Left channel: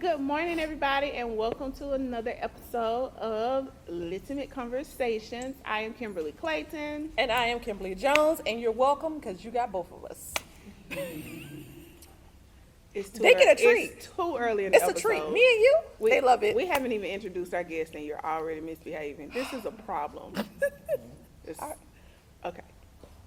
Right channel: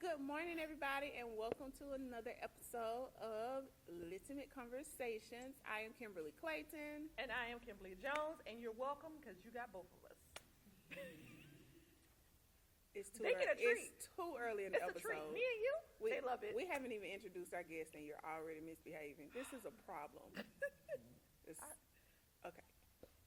good morning, everybody, and welcome to another episode of Litimate Conversations. I am Kimberly Clayton. And I am Kimberly Jones, and you're welcome because you got both of us. They get a treat. It's too early in the It's episode. a treat. Me and you, they love it. We haven't even introduced our guest, and you're already misbehaving. This is a problem. Okay.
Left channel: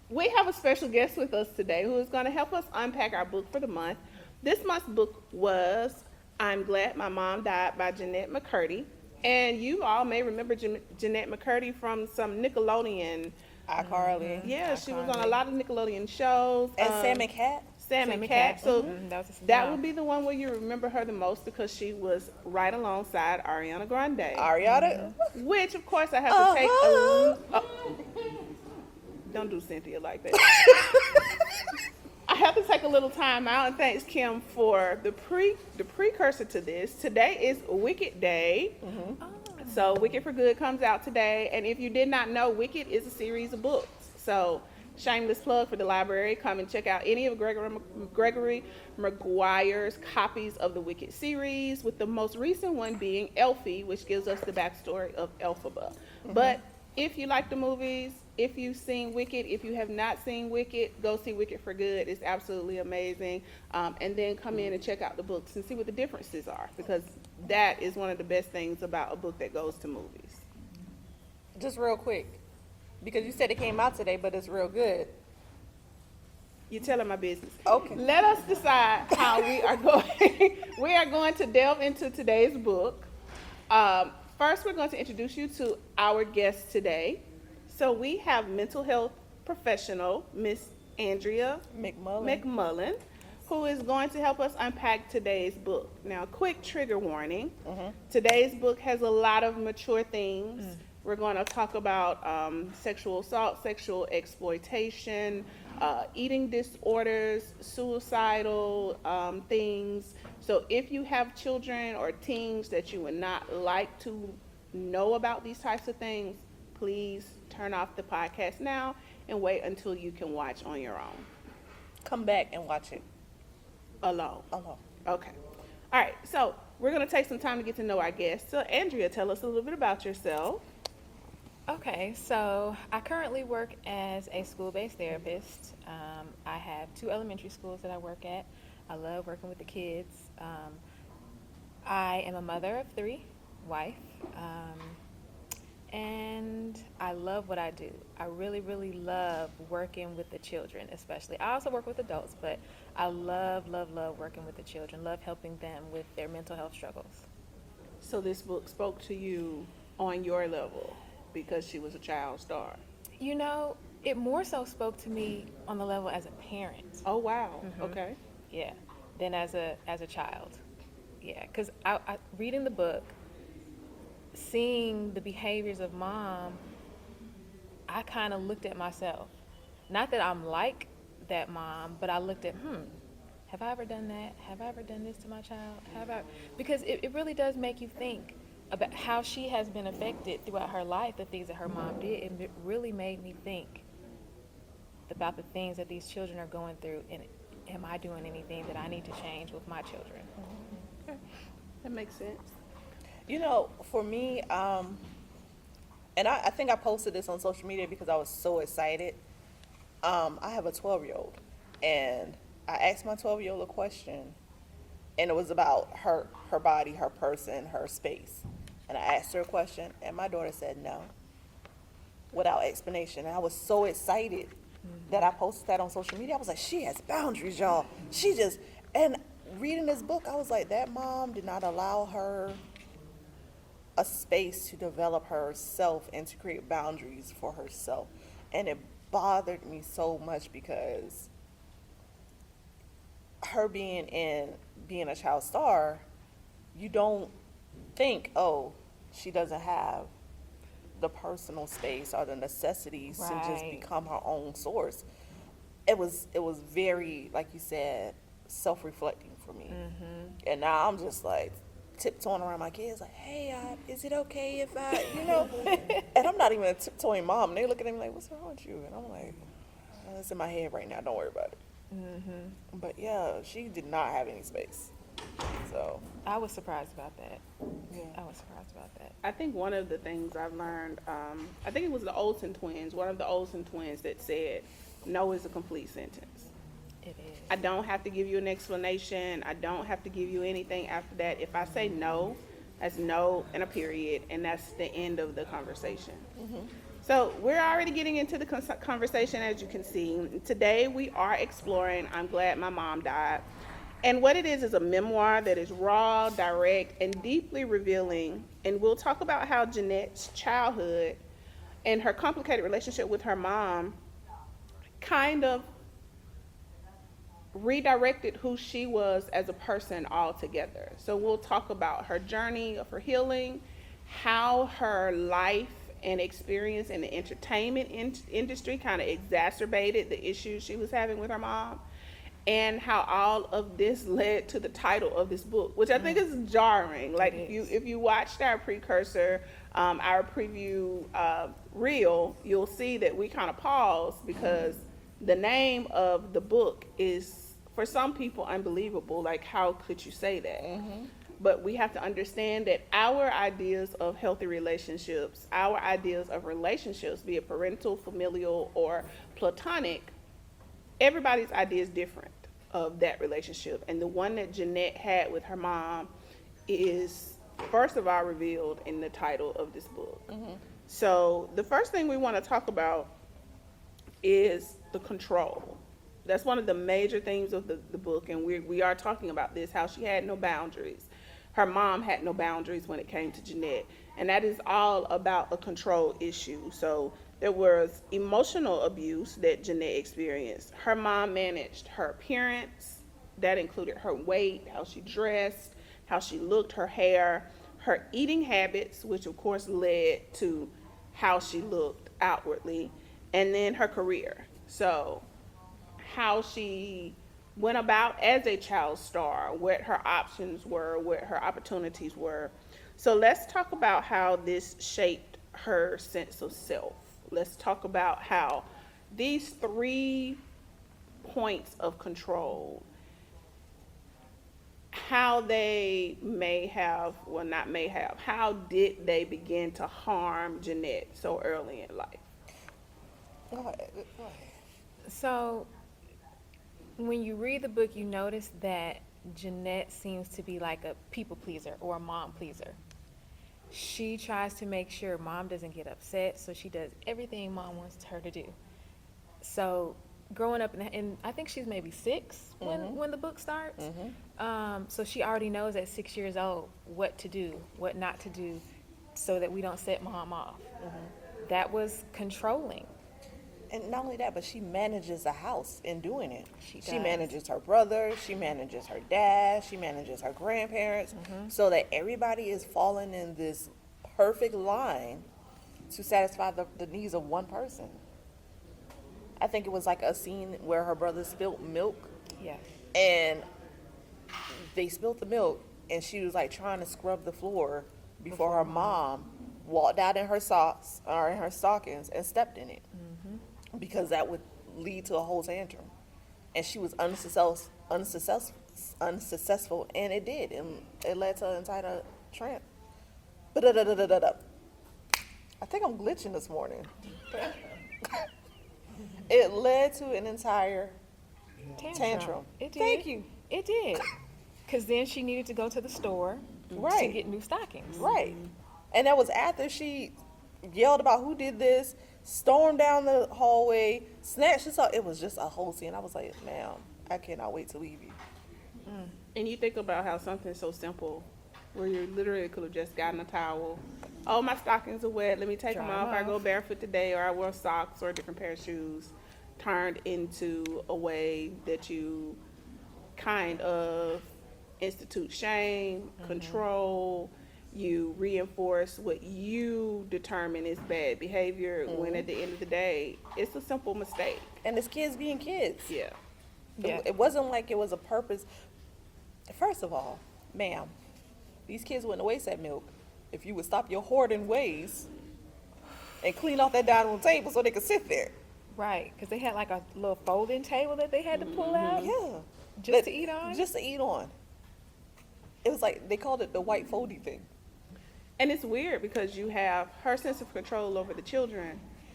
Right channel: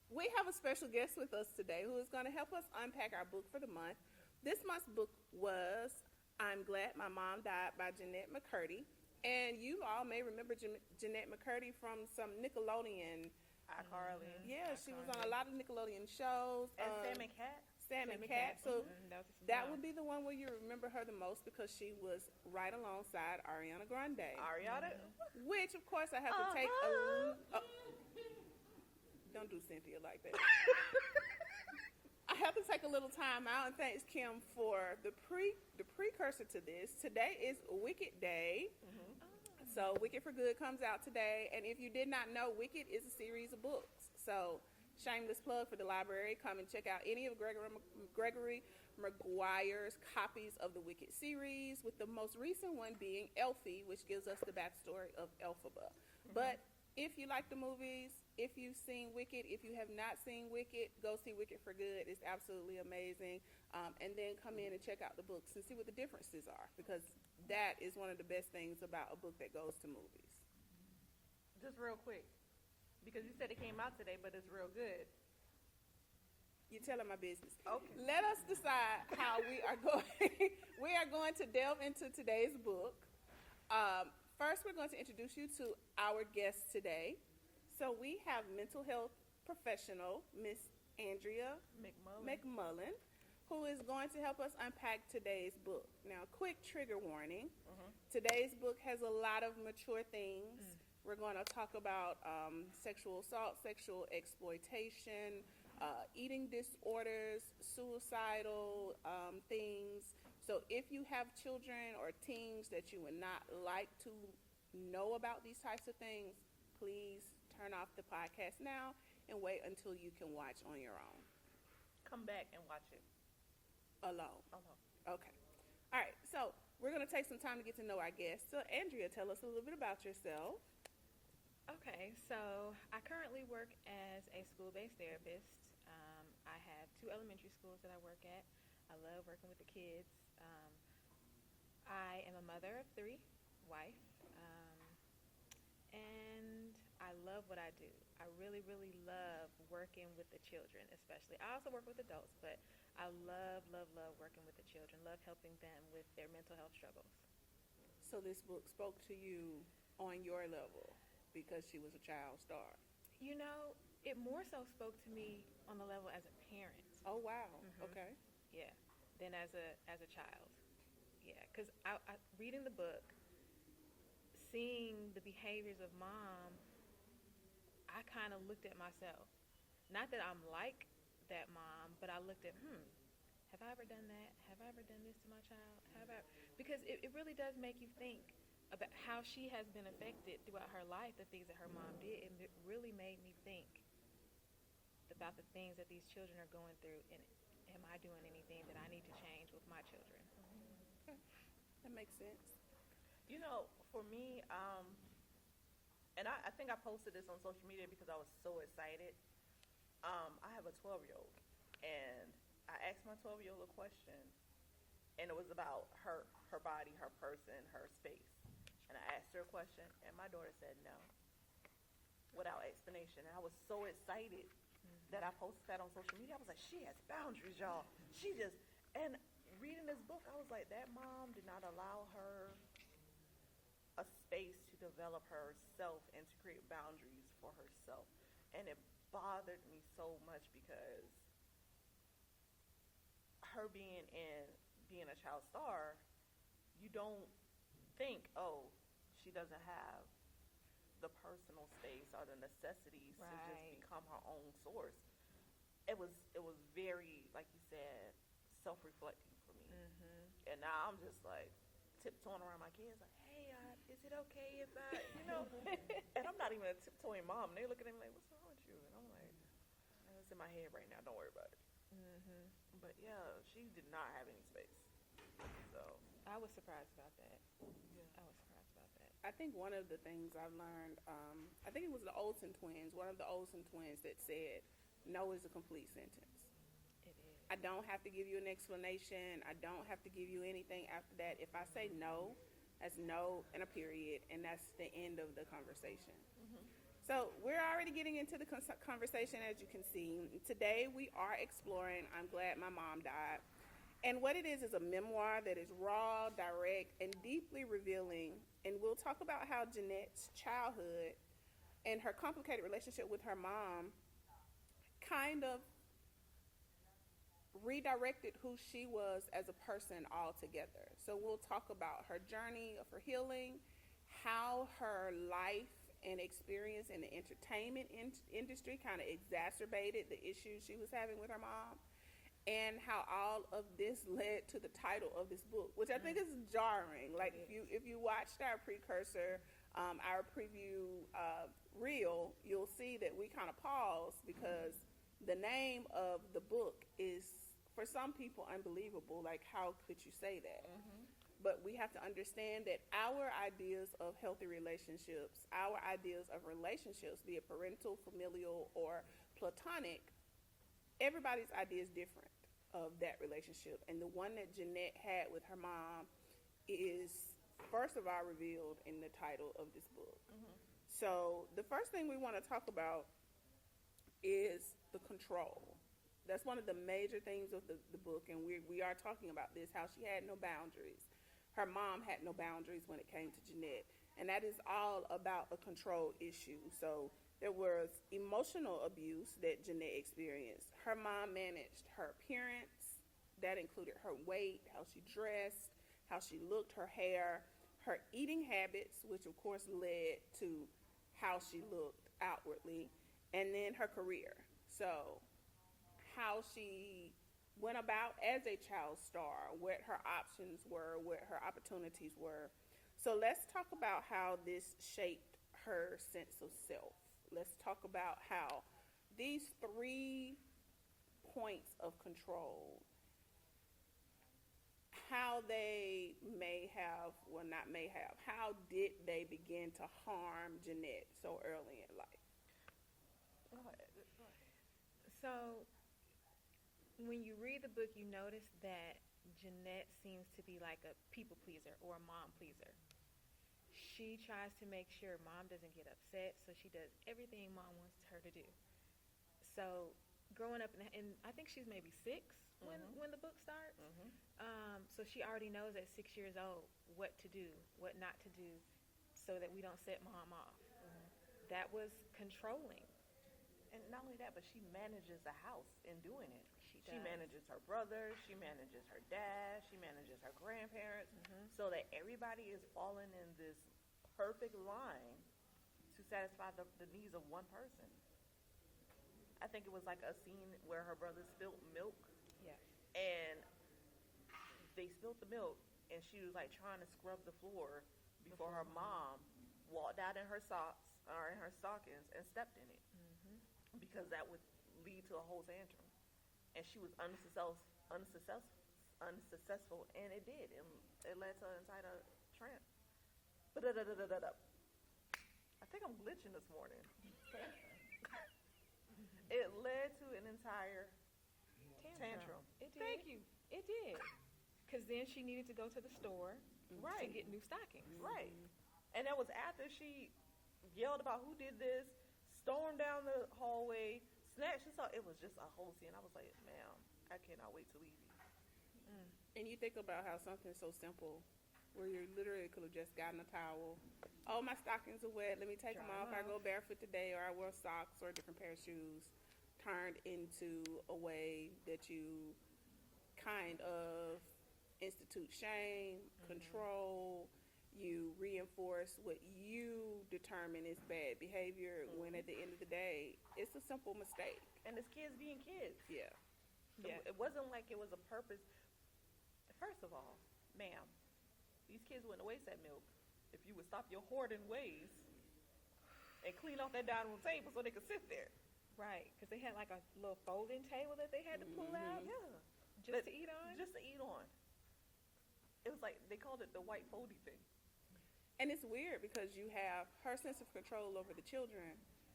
We have a special guest with us today who is going to help us unpack our book for the month. This month's book was I'm Glad My Mom Died by Jeanette McCurdy. And you all may remember Jeanette McCurdy from some Nickelodeon. iCarly. Yeah, she was on a lot of Nickelodeon shows. And Sam and Cat. Sam and Cat. So that would would be the one where you remember her the most because she was right alongside Ariana Grande. Ariana. Which, of course, I have to take don't do Cynthia like that. I have to take a little time out, and thanks Kim for the precursor to this. Today is Wicked Day. So Wicked for Good comes out today, and if you did not know, Wicked is a series of books. So shameless plug for the library. Come and check out any of Gregory Maguire's copies of the Wicked series, with the most recent one being Elfie, which gives us the backstory of Elphaba. But if you like the movies, if you've seen Wicked, if you have not seen Wicked, go see Wicked for Good. It's absolutely amazing. And then come in and check out the books and see what the differences are, because that is one of the best things about a book that goes to movies. Just real quick, because you said it came out today, but it's real good. You're telling my business. Okay. Let us decide how we are going. We are going to delve into today's book. First, we're going to introduce you to our guest today. So we have mental health professional, Miss Andrea McMullen, who is going to help us unpack today's book. Now, quick trigger warning. Today's book has a lot of mature themes. We're going to talk about sexual assault, sexual exploitation, eating disorders, suicidal things. So if you have children or teens that you would not like to know about these types of things, please turn off the podcast now and wait until you can watch on your own. Come back and watch it. Alone. Okay. All right. So we're going to take some time to get to know our guest. So Andrea, tell us a little bit about yourself. Okay, so I currently work as a school-based therapist. I have 2 elementary schools that I work at. I love working with the kids. I am a mother of 3, wife, and I love what I do. I really, really love working with the children, especially. I also work with adults, but I love working with the children, love helping them with their mental health struggles. So this book spoke to you on your level because she was a child star. You know, it more so spoke to me on the level as a parent. Oh, wow. Okay. Yeah, than as a child. Yeah, because I reading the book, seeing the behaviors of mom, I kind of looked at myself. Not that I'm like that mom, but I looked at, have I ever done that? Have I ever done this to my child? Because it really does make you think about how she has been affected throughout her life, the things that her mom did. It really made me think about the things that these children are going through, and am I doing anything that I need to change with my children? Okay. That makes sense. You know, for me, and I think I posted this on social media because I was so excited. I have a 12-year-old, and I asked my 12-year-old a question, and it was about her body, her person, her space. And I asked her a question, and my daughter said no, without explanation. And I was so excited that I posted that on social media. I was like, she has boundaries, y'all. And reading this book, I was like, that mom did not allow her a space to develop herself and to create boundaries for herself. And it bothered me so much because her being a child star, you don't think, oh, she doesn't have the personal space or the necessities to just become her own source. It was very, like you said, self-reflecting for me. And now I'm just like tiptoeing around my kids like, hey, is it okay if I, and I'm not even a tiptoeing mom. And they look at me like, what's wrong with you? And I'm like, oh, it's in my head right now, don't worry about it. But yeah, she did not have any space. So I was surprised about that. Yeah. I was surprised about that. I think one of the things I've learned, I think it was the Olsen twins, one of the Olsen twins that said, no is a complete sentence. It is. I don't have to give you an explanation. I don't have to give you anything after that. If I say no, that's no and a period, and that's the end of the conversation. So we're already getting into the conversation, as you can see. Today we are exploring I'm Glad My Mom Died. And what it is a memoir that is raw, direct, and deeply revealing. And we'll talk about how Jeanette's childhood and her complicated relationship with her mom kind of redirected who she was as a person altogether. So we'll talk about her journey of her healing, how her life and experience in the entertainment industry kind of exacerbated the issues she was having with her mom, and how all of this led to the title of this book, which I think is jarring. Like if you watched our precursor, our preview reel, you'll see that we kind of paused because the name of the book is, for some people, unbelievable. Like, how could you say that? But we have to understand that our ideas of healthy relationships, our ideas of relationships, be it parental, familial, or platonic, everybody's idea is different of that relationship. And the one that Jeanette had with her mom is, first of all, revealed in the title of this book. So the first thing we want to talk about is the control. That's one of the major themes of the book, and we are talking about this, how she had no boundaries. Her mom had no boundaries when it came to Jeanette, and that is all about a control issue. So there was emotional abuse that Jeanette experienced. Her mom managed her appearance. That included her weight, how she dressed, how she looked, her hair, her eating habits, which of course led to how she looked outwardly, and then her career. So how she went about as a child star, what her options were, what her opportunities were. So let's talk about how this shaped her sense of self. Let's talk about how these 3 points of control, how they may have, well, not may have, how did they begin to harm Jeanette so early in life? Go ahead. So, when you read the book, you notice that Jeanette seems to be like a people pleaser or a mom pleaser. She tries to make sure mom doesn't get upset, so she does everything mom wants her to do. So, growing up, and I think she's maybe 6 when the book starts. So she already knows at 6 years old what to do, what not to do, so that we don't set mom off. That was controlling. And not only that, but she manages a house in doing it. She She does. manages her brother, she manages her dad, she manages her grandparents, so that everybody is falling in this perfect line to satisfy the needs of one person. I think it was like a scene where her brother spilled milk, Yeah. and they spilled the milk, and she was like trying to scrub the floor before her mom walked out in her socks or in her stockings and stepped in it, because that would lead to a whole tantrum. And she was unsuccessful, and it did, and it led to an entire tramp. I think I'm glitching this morning. It led to an entire tantrum. It did. Thank you. It did. Because then she needed to go to the store to Right. get new stockings. Right. And that was after she yelled about who did this, stormed down the hallway, snatched us up. It was just a whole scene. I was like, ma'am, I cannot wait to leave you. And you think about how something so simple, where you literally could have just gotten a towel. Oh, my stockings are wet. Let me take them Dry off. 'em I off. go barefoot today, or I wear socks or a different pair of shoes. Turned into a way that you kind of institute shame, control. You reinforce what you determine is bad behavior. When at the end of the day, it's a simple mistake. And it's kids being kids. Yeah. Yeah. It wasn't like it was a purpose. First of all, ma'am, these kids wouldn't waste that milk if you would stop your hoarding ways and clean off that dining room table so they could sit there. Right. Because they had like a little folding table that they had to pull out Yeah. just to eat on. Just to eat on. It was like, they called it the white foldy thing. And it's weird because you have her sense of control over the children,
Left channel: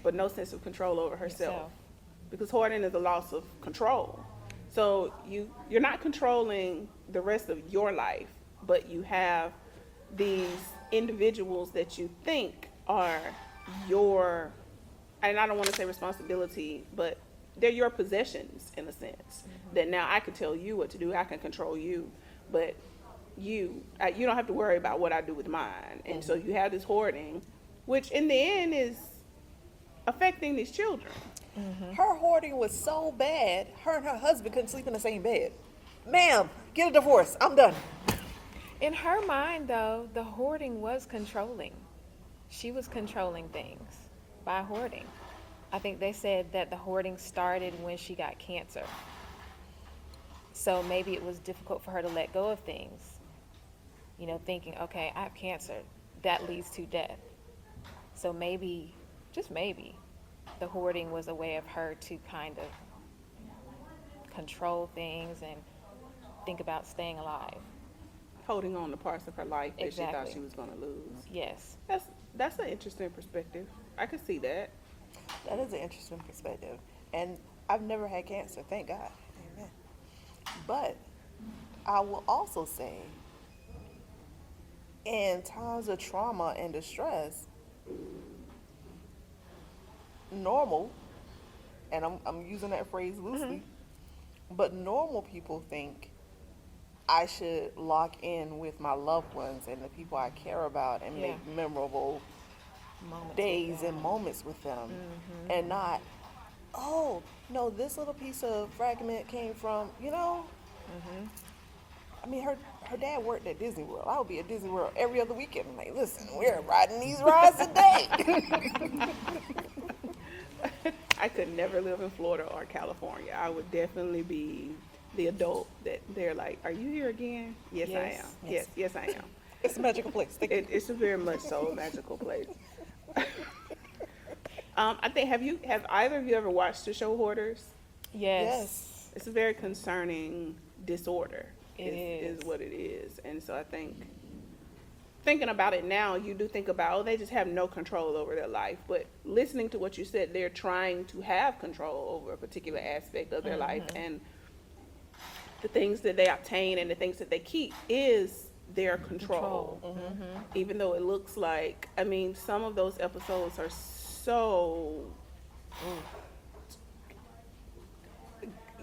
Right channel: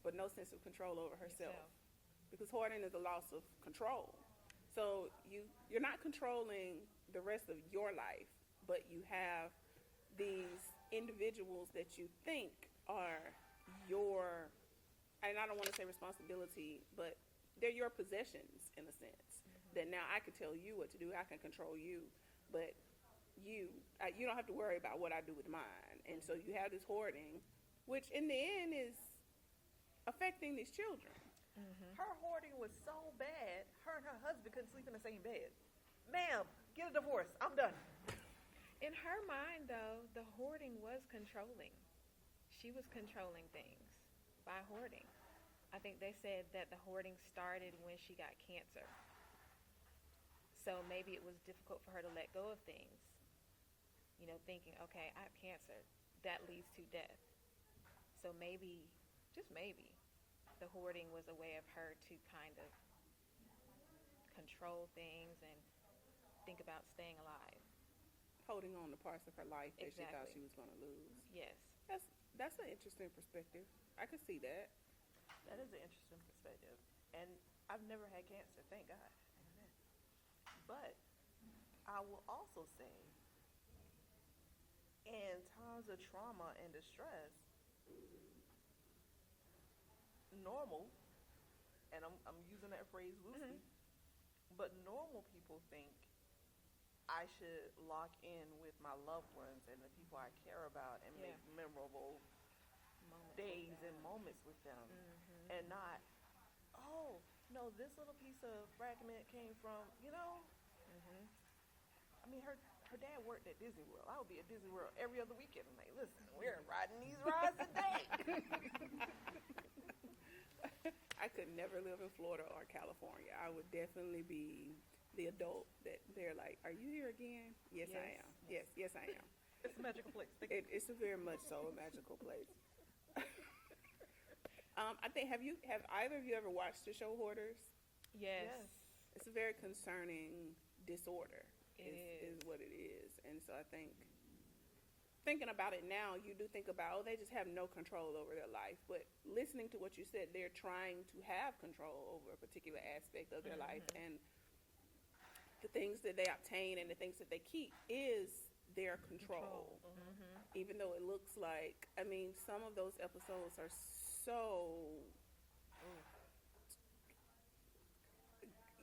but no sense of control over herself. Yourself. Because hoarding is a loss of control. So you're not controlling the rest of your life, but you have these individuals that you think are your, and I don't want to say responsibility, but they're your possessions in a sense. That now I can tell you what to do, I can control you, but you don't have to worry about what I do with mine. And so you have this hoarding, which in the end is affecting these children. Her hoarding was so bad, her and her husband couldn't sleep in the same bed. Ma'am, get a divorce. I'm done. In her mind, though, the hoarding was controlling. She was controlling things by hoarding. I think they said that the hoarding started when she got cancer. So maybe it was difficult for her to let go of things. You know, thinking, okay, I have cancer. That leads to death. So maybe, just maybe, the hoarding was a way of her to kind of control things and think about staying alive. Holding on to parts of her life that she thought Exactly. she was going to lose. Yes. That's an interesting perspective. I can see that. That is an interesting perspective. And I've never had cancer, thank God. Amen. But I will also say, in times of trauma and distress, normal, and I'm using that phrase loosely, but normal people think I should lock in with my loved ones and the people I care about and Yeah. make memorable Moments days with them. and moments with them, and not, oh no, this little piece of fragment came from, I mean, her dad worked at Disney World. I would be at Disney World every other weekend. I'm like, listen, we're riding these rides today. I could never live in Florida or California. I would definitely be the adult that they're like, are you here again? Yes, I Yes. am. Yes, I am. It's a magical place. Thank you. It's a very much so a magical place. I think, have either of you ever watched the show Hoarders? Yes. It's a very concerning disorder. It is what it is. And so I think, thinking about it now, you do think about, oh, they just have no control over their life. But listening to what you said, they're trying to have control over a particular aspect of their life. And the things that they obtain and the things that they keep is their control. Even though it looks like, I mean, some of those episodes are so,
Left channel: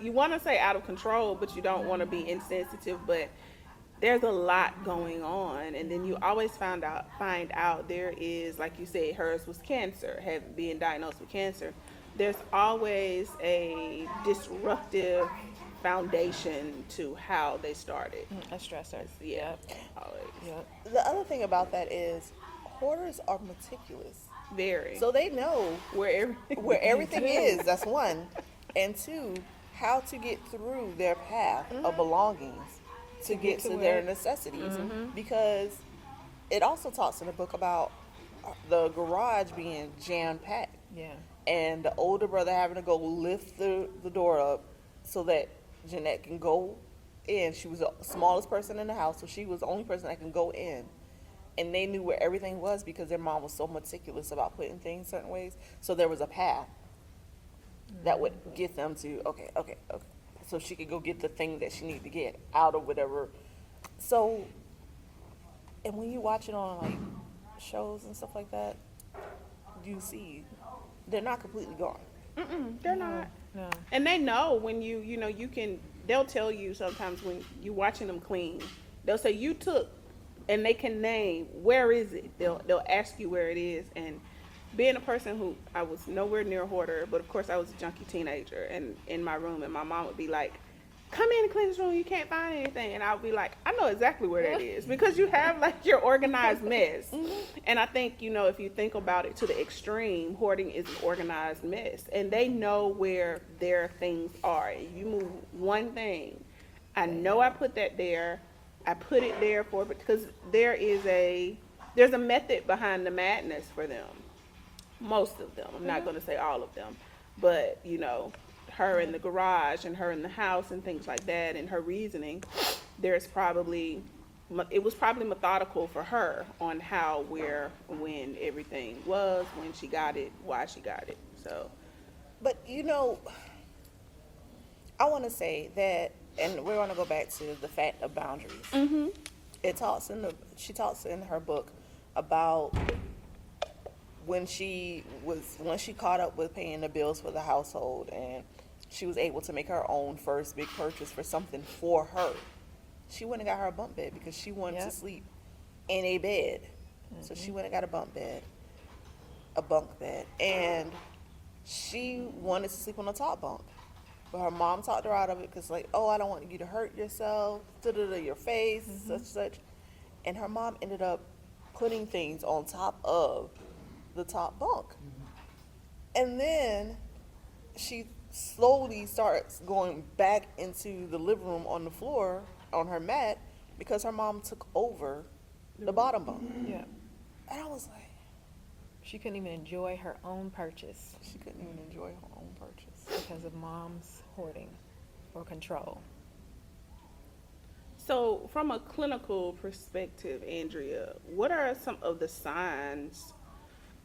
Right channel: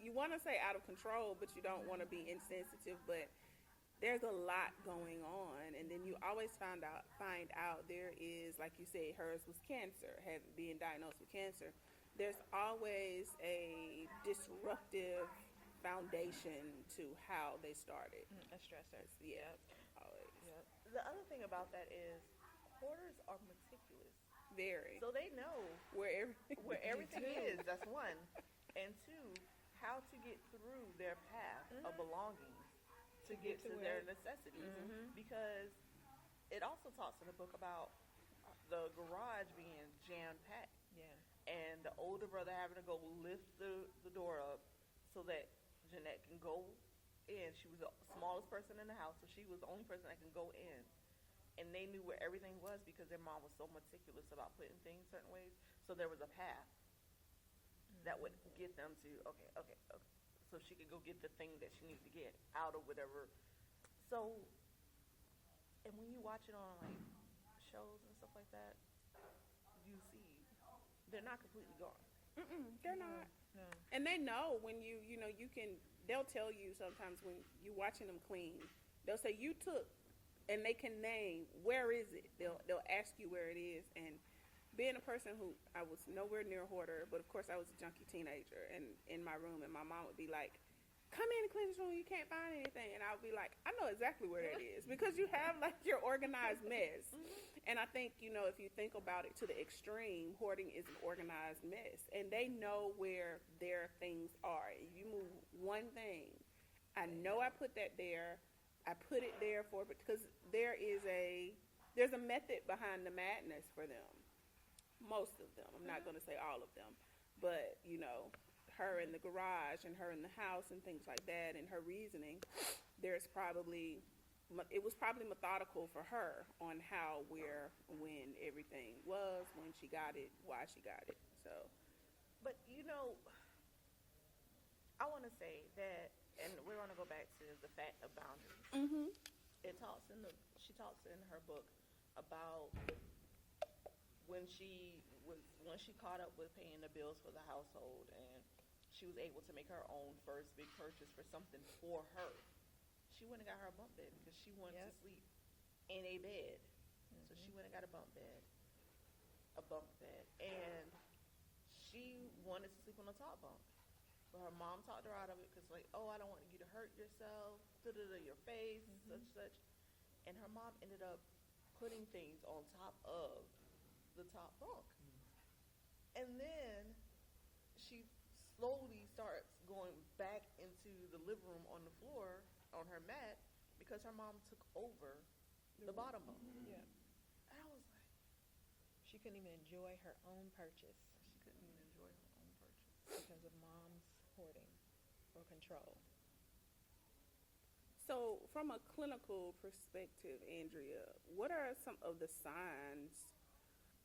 you want to say out of control, but you don't want to be insensitive, but there's a lot going on. And then you always find out there is, like you said, hers was cancer, being diagnosed with cancer. There's always a disruptive foundation to how they started. A stressor. Yeah, always. Yep. The other thing about that is, hoarders are meticulous. Very. So they know where everything is, that's one. And two, how to get through their path of belongings to get to their necessities. Because it also talks in the book about the garage being jam-packed. Yeah. And the older brother having to go lift the door up so that Jeanette can go in. She was the smallest person in the house, so she was the only person that can go in. And they knew where everything was because their mom was so meticulous about putting things certain ways. So there was a path that would get them to, okay. So she could go get the thing that she needed to get out of whatever. So, and when you watch it on like shows and stuff like that, you see they're not completely gone. They're not. No. And they know when you can, they'll tell you sometimes when you're watching them clean, they'll say you took, and they can name, where is it? They'll ask you where it is. And being a person who, I was nowhere near a hoarder, but of course I was a junkie teenager and in my room, and my mom would be like, come in and clean this room, you can't find anything. And I'll be like, I know exactly where that is, because you have like your organized mess. And I think, if you think about it to the extreme, hoarding is an organized mess. And they know where their things are. You move one thing, I know I put that there, I put it there because there's a method behind the madness for them. Most of them. I'm not going to say all of them. But, her in the garage and her in the house and things like that, and her reasoning, there's probably it was probably methodical for her on how, where, when everything was, when she got it, why she got it. So, But I want to say that, and we're going to go back to the fact of boundaries. She talks in her book about when she caught up with paying the bills for the household, and she was able to make her own first big purchase for something for her. She went and got her a bunk bed because she wanted to sleep in a bed. So she went and got a bunk bed, and she wanted to sleep on the top bunk. But her mom talked her out of it because, like, oh, I don't want you to hurt yourself, your face, such. And her mom ended up putting things on top of the top bunk. And then she slowly starts going back into the living room on the floor on her mat because her mom took over the bottom bunk. Yeah. And I was like, She couldn't even enjoy her own purchase she couldn't even enjoy her own purchase. because of mom's hoarding or control. so from a clinical perspective, Andrea, what are some of the signs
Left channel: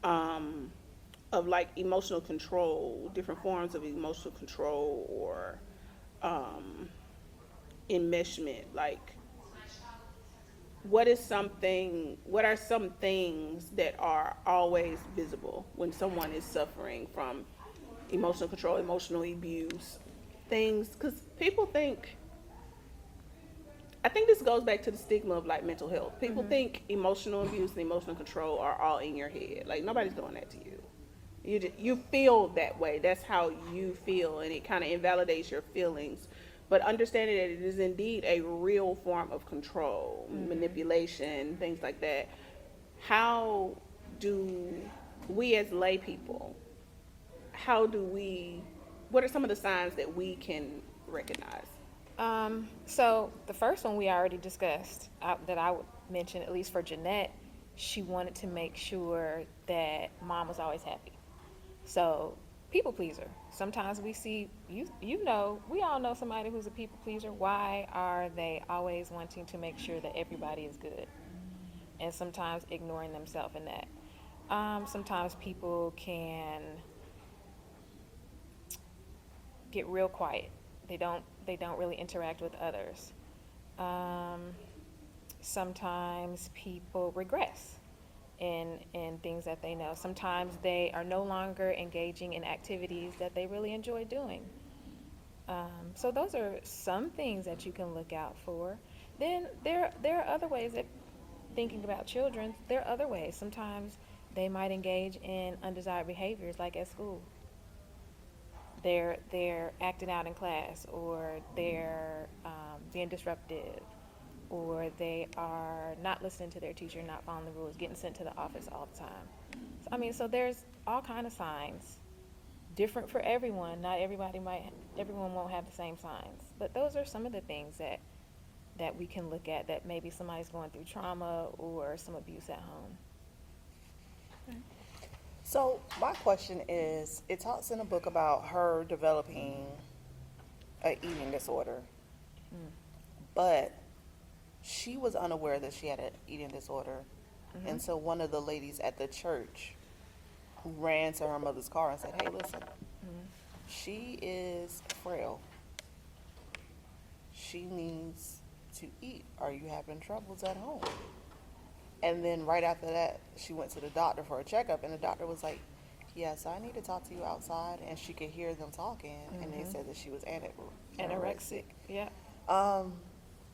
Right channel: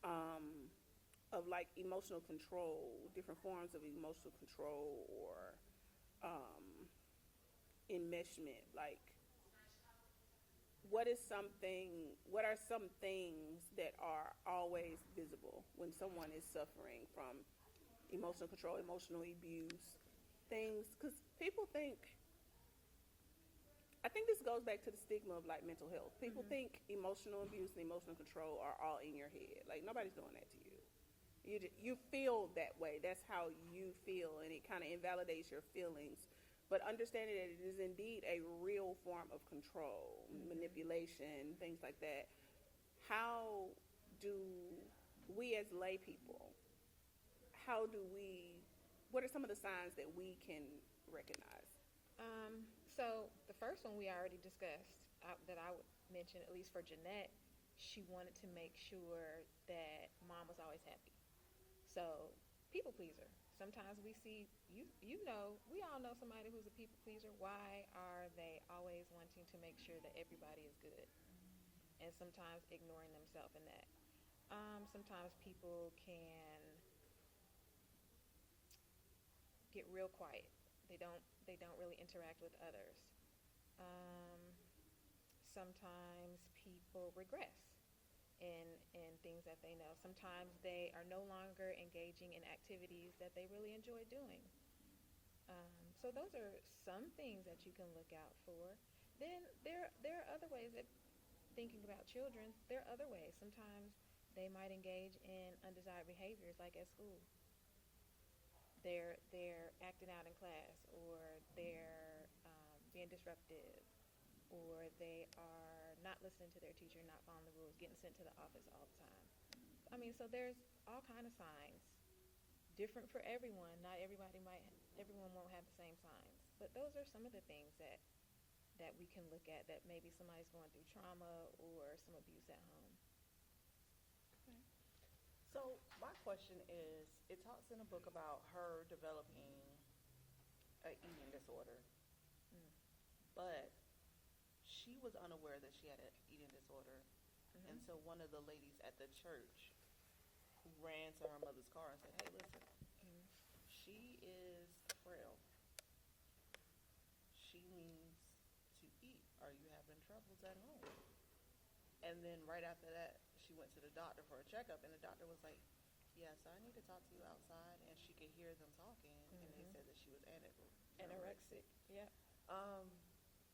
of like emotional control, different forms of emotional control or enmeshment? Like, what are some things that are always visible when someone is suffering from emotional control, emotional abuse, things? Because people think, I think this goes back to the stigma of like mental health. People think emotional abuse and emotional control are all in your head. Like, nobody's doing that to you. You feel that way. That's how you feel, and it kind of invalidates your feelings. But understanding that it is indeed a real form of control, manipulation, things like that. How do we as lay people, what are some of the signs that we can recognize? So the first one we already discussed, that I would mention, at least for Jeanette, she wanted to make sure that mom was always happy. So, people pleaser. Sometimes we see, we all know somebody who's a people pleaser. Why are they always wanting to make sure that everybody is good? And sometimes ignoring themselves in that. Sometimes people can get real quiet. They don't really interact with others. Sometimes people regress in things that they know. Sometimes they are no longer engaging in activities that they really enjoy doing. So those are some things that you can look out for. Then there are other ways that, thinking about children, there are other ways. Sometimes they might engage in undesired behaviors, like at school. They're acting out in class, or they're being disruptive, or they are not listening to their teacher, not following the rules, getting sent to the office all the time. So there's all kind of signs, different for everyone. Not everyone won't have the same signs, but those are some of the things that we can look at, that maybe somebody's going through trauma or some abuse at home. So my question is, it talks in the book about her developing an eating disorder, but she was unaware that she had an eating disorder. And so one of the ladies at the church ran to her mother's car and said, hey, listen, she is frail. She needs to eat. Are you having troubles at home? And then right after that, she went to the doctor for a checkup, and the doctor was like, yes, I need to talk to you outside. And she could hear them talking, and they said that she was anorexic. Yeah.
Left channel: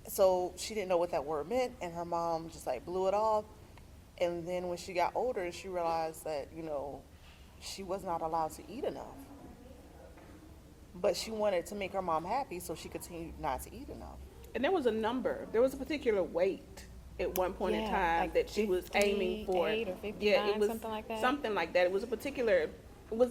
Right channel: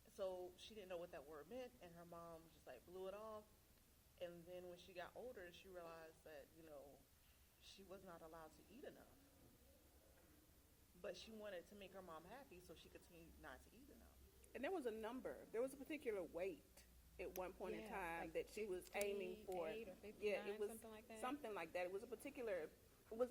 So she didn't know what that word meant, and her mom just like blew it off. And then when she got older, she realized that, she was not allowed to eat enough. But she wanted to make her mom happy, so she continued not to eat enough. And there was a particular weight at one point in time, like that she was aiming for. 58 or 59, it was something like that. Something like that. It was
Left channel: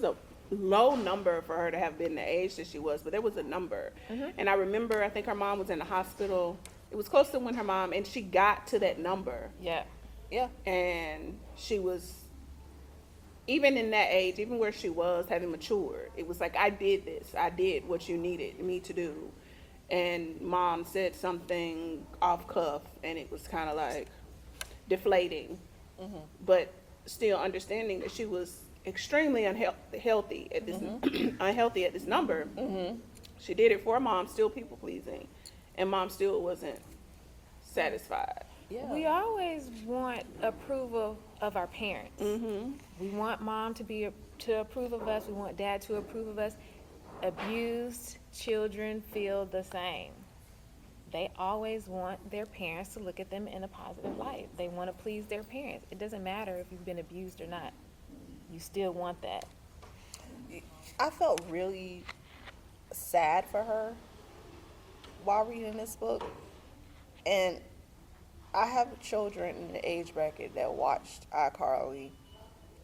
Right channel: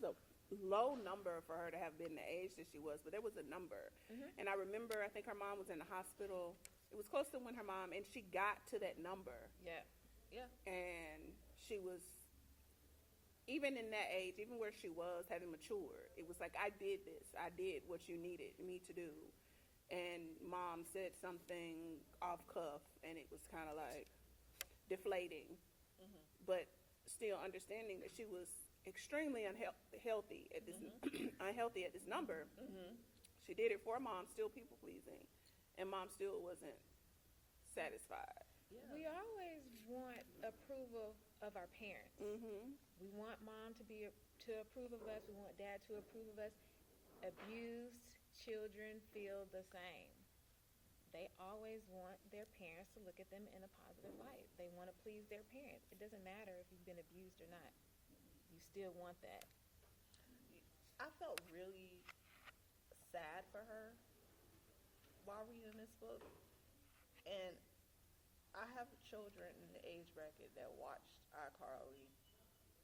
a low number for her to have been the age that she was, but there was a number. And I remember, I think her mom was in the hospital. It was close to when her mom, and she got to that number. Yeah. Yeah. And she was, even in that age, even where she was, having matured, it was like, I did this. I did what you needed me to do. and mom said something off cuff, and it was kind of like deflating, but still understanding that she was extremely unhealthy at this unhealthy at this number. She did it for mom, still people pleasing, and mom still wasn't satisfied. Yeah. We always want approval of our parents. We want mom to approve of us. We want dad to approve of us. Abused children feel the same. They always want their parents to look at them in a positive light. They want to please their parents. It doesn't matter if you've been abused or not. You still want that. I felt really sad for her while reading this book. And I have children in the age bracket that watched iCarly.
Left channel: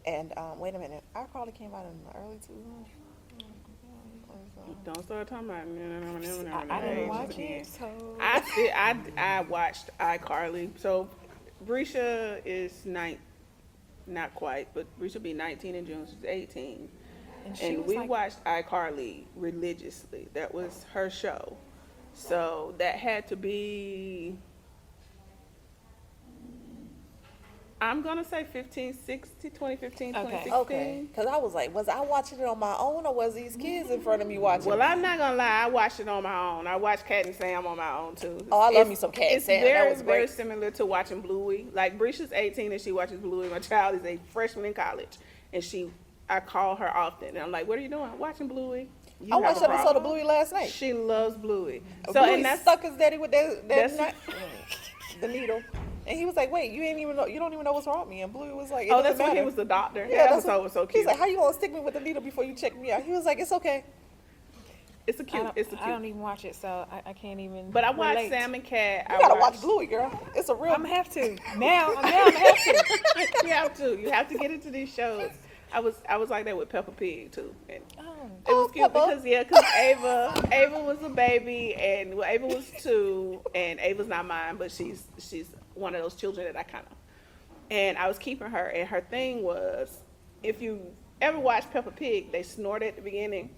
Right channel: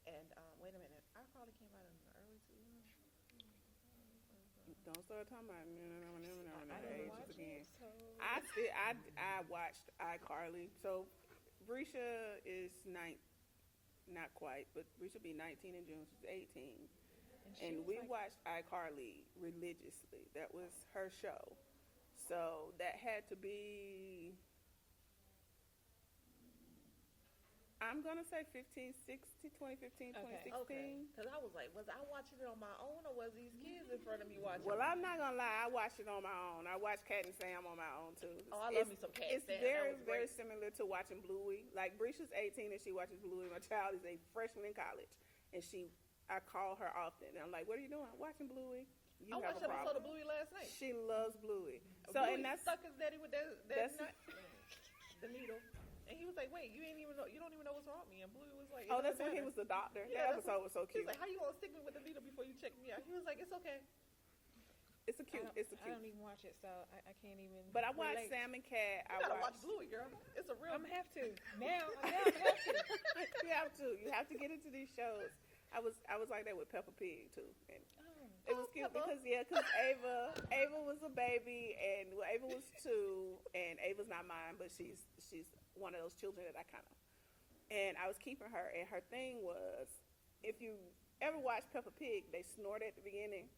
And wait a minute, iCarly came out in the early 2000s. Don't start talking about I didn't watch it, so I watched iCarly. So Brisha is not quite, but Brisha will be 19 in June. She's 18, and we watched iCarly religiously. That was her show, so that had to be. I'm gonna say 2015, 2016. Okay. Because I was like, was I watching it on my own, or was these kids in front of me watching Well, it? I'm not gonna lie. I watched it on my own. I watched Cat and Sam on my own too. Oh, I love me some Cat and Sam. That was Very great. similar to watching Bluey. Like Brisha's 18 and she watches Bluey. My child is a freshman in college, and I call her often. And I'm like, "What are you doing?" "Watching Bluey." I watched an episode of Bluey last night. She loves Bluey. So Bluey and that's stuck his daddy with that's- the needle. And he was like, "Wait, you don't even know what's wrong with me." And Bluey was like, oh, "It that's doesn't when he matter." was the doctor. Yeah, That that's episode was so cute. He's like, "How you gonna stick me with the needle before you check me out?" He was like, "It's okay." It's a cute. I don't even watch it, so I can't even. But I watched relate. Sam and Cat. You gotta watch Bluey, girl. It's a real. I'm gonna have to now. I'm gonna have to. You have to. You have to get into these shows. I was like that with Peppa Pig too. And it was cute Peppa. because Ava was a baby, and Ava was 2, and Ava's not mine, but she's one of those children that I kind of. And I was keeping her, and her thing was, if you ever watched Peppa Pig, they snort at the beginning.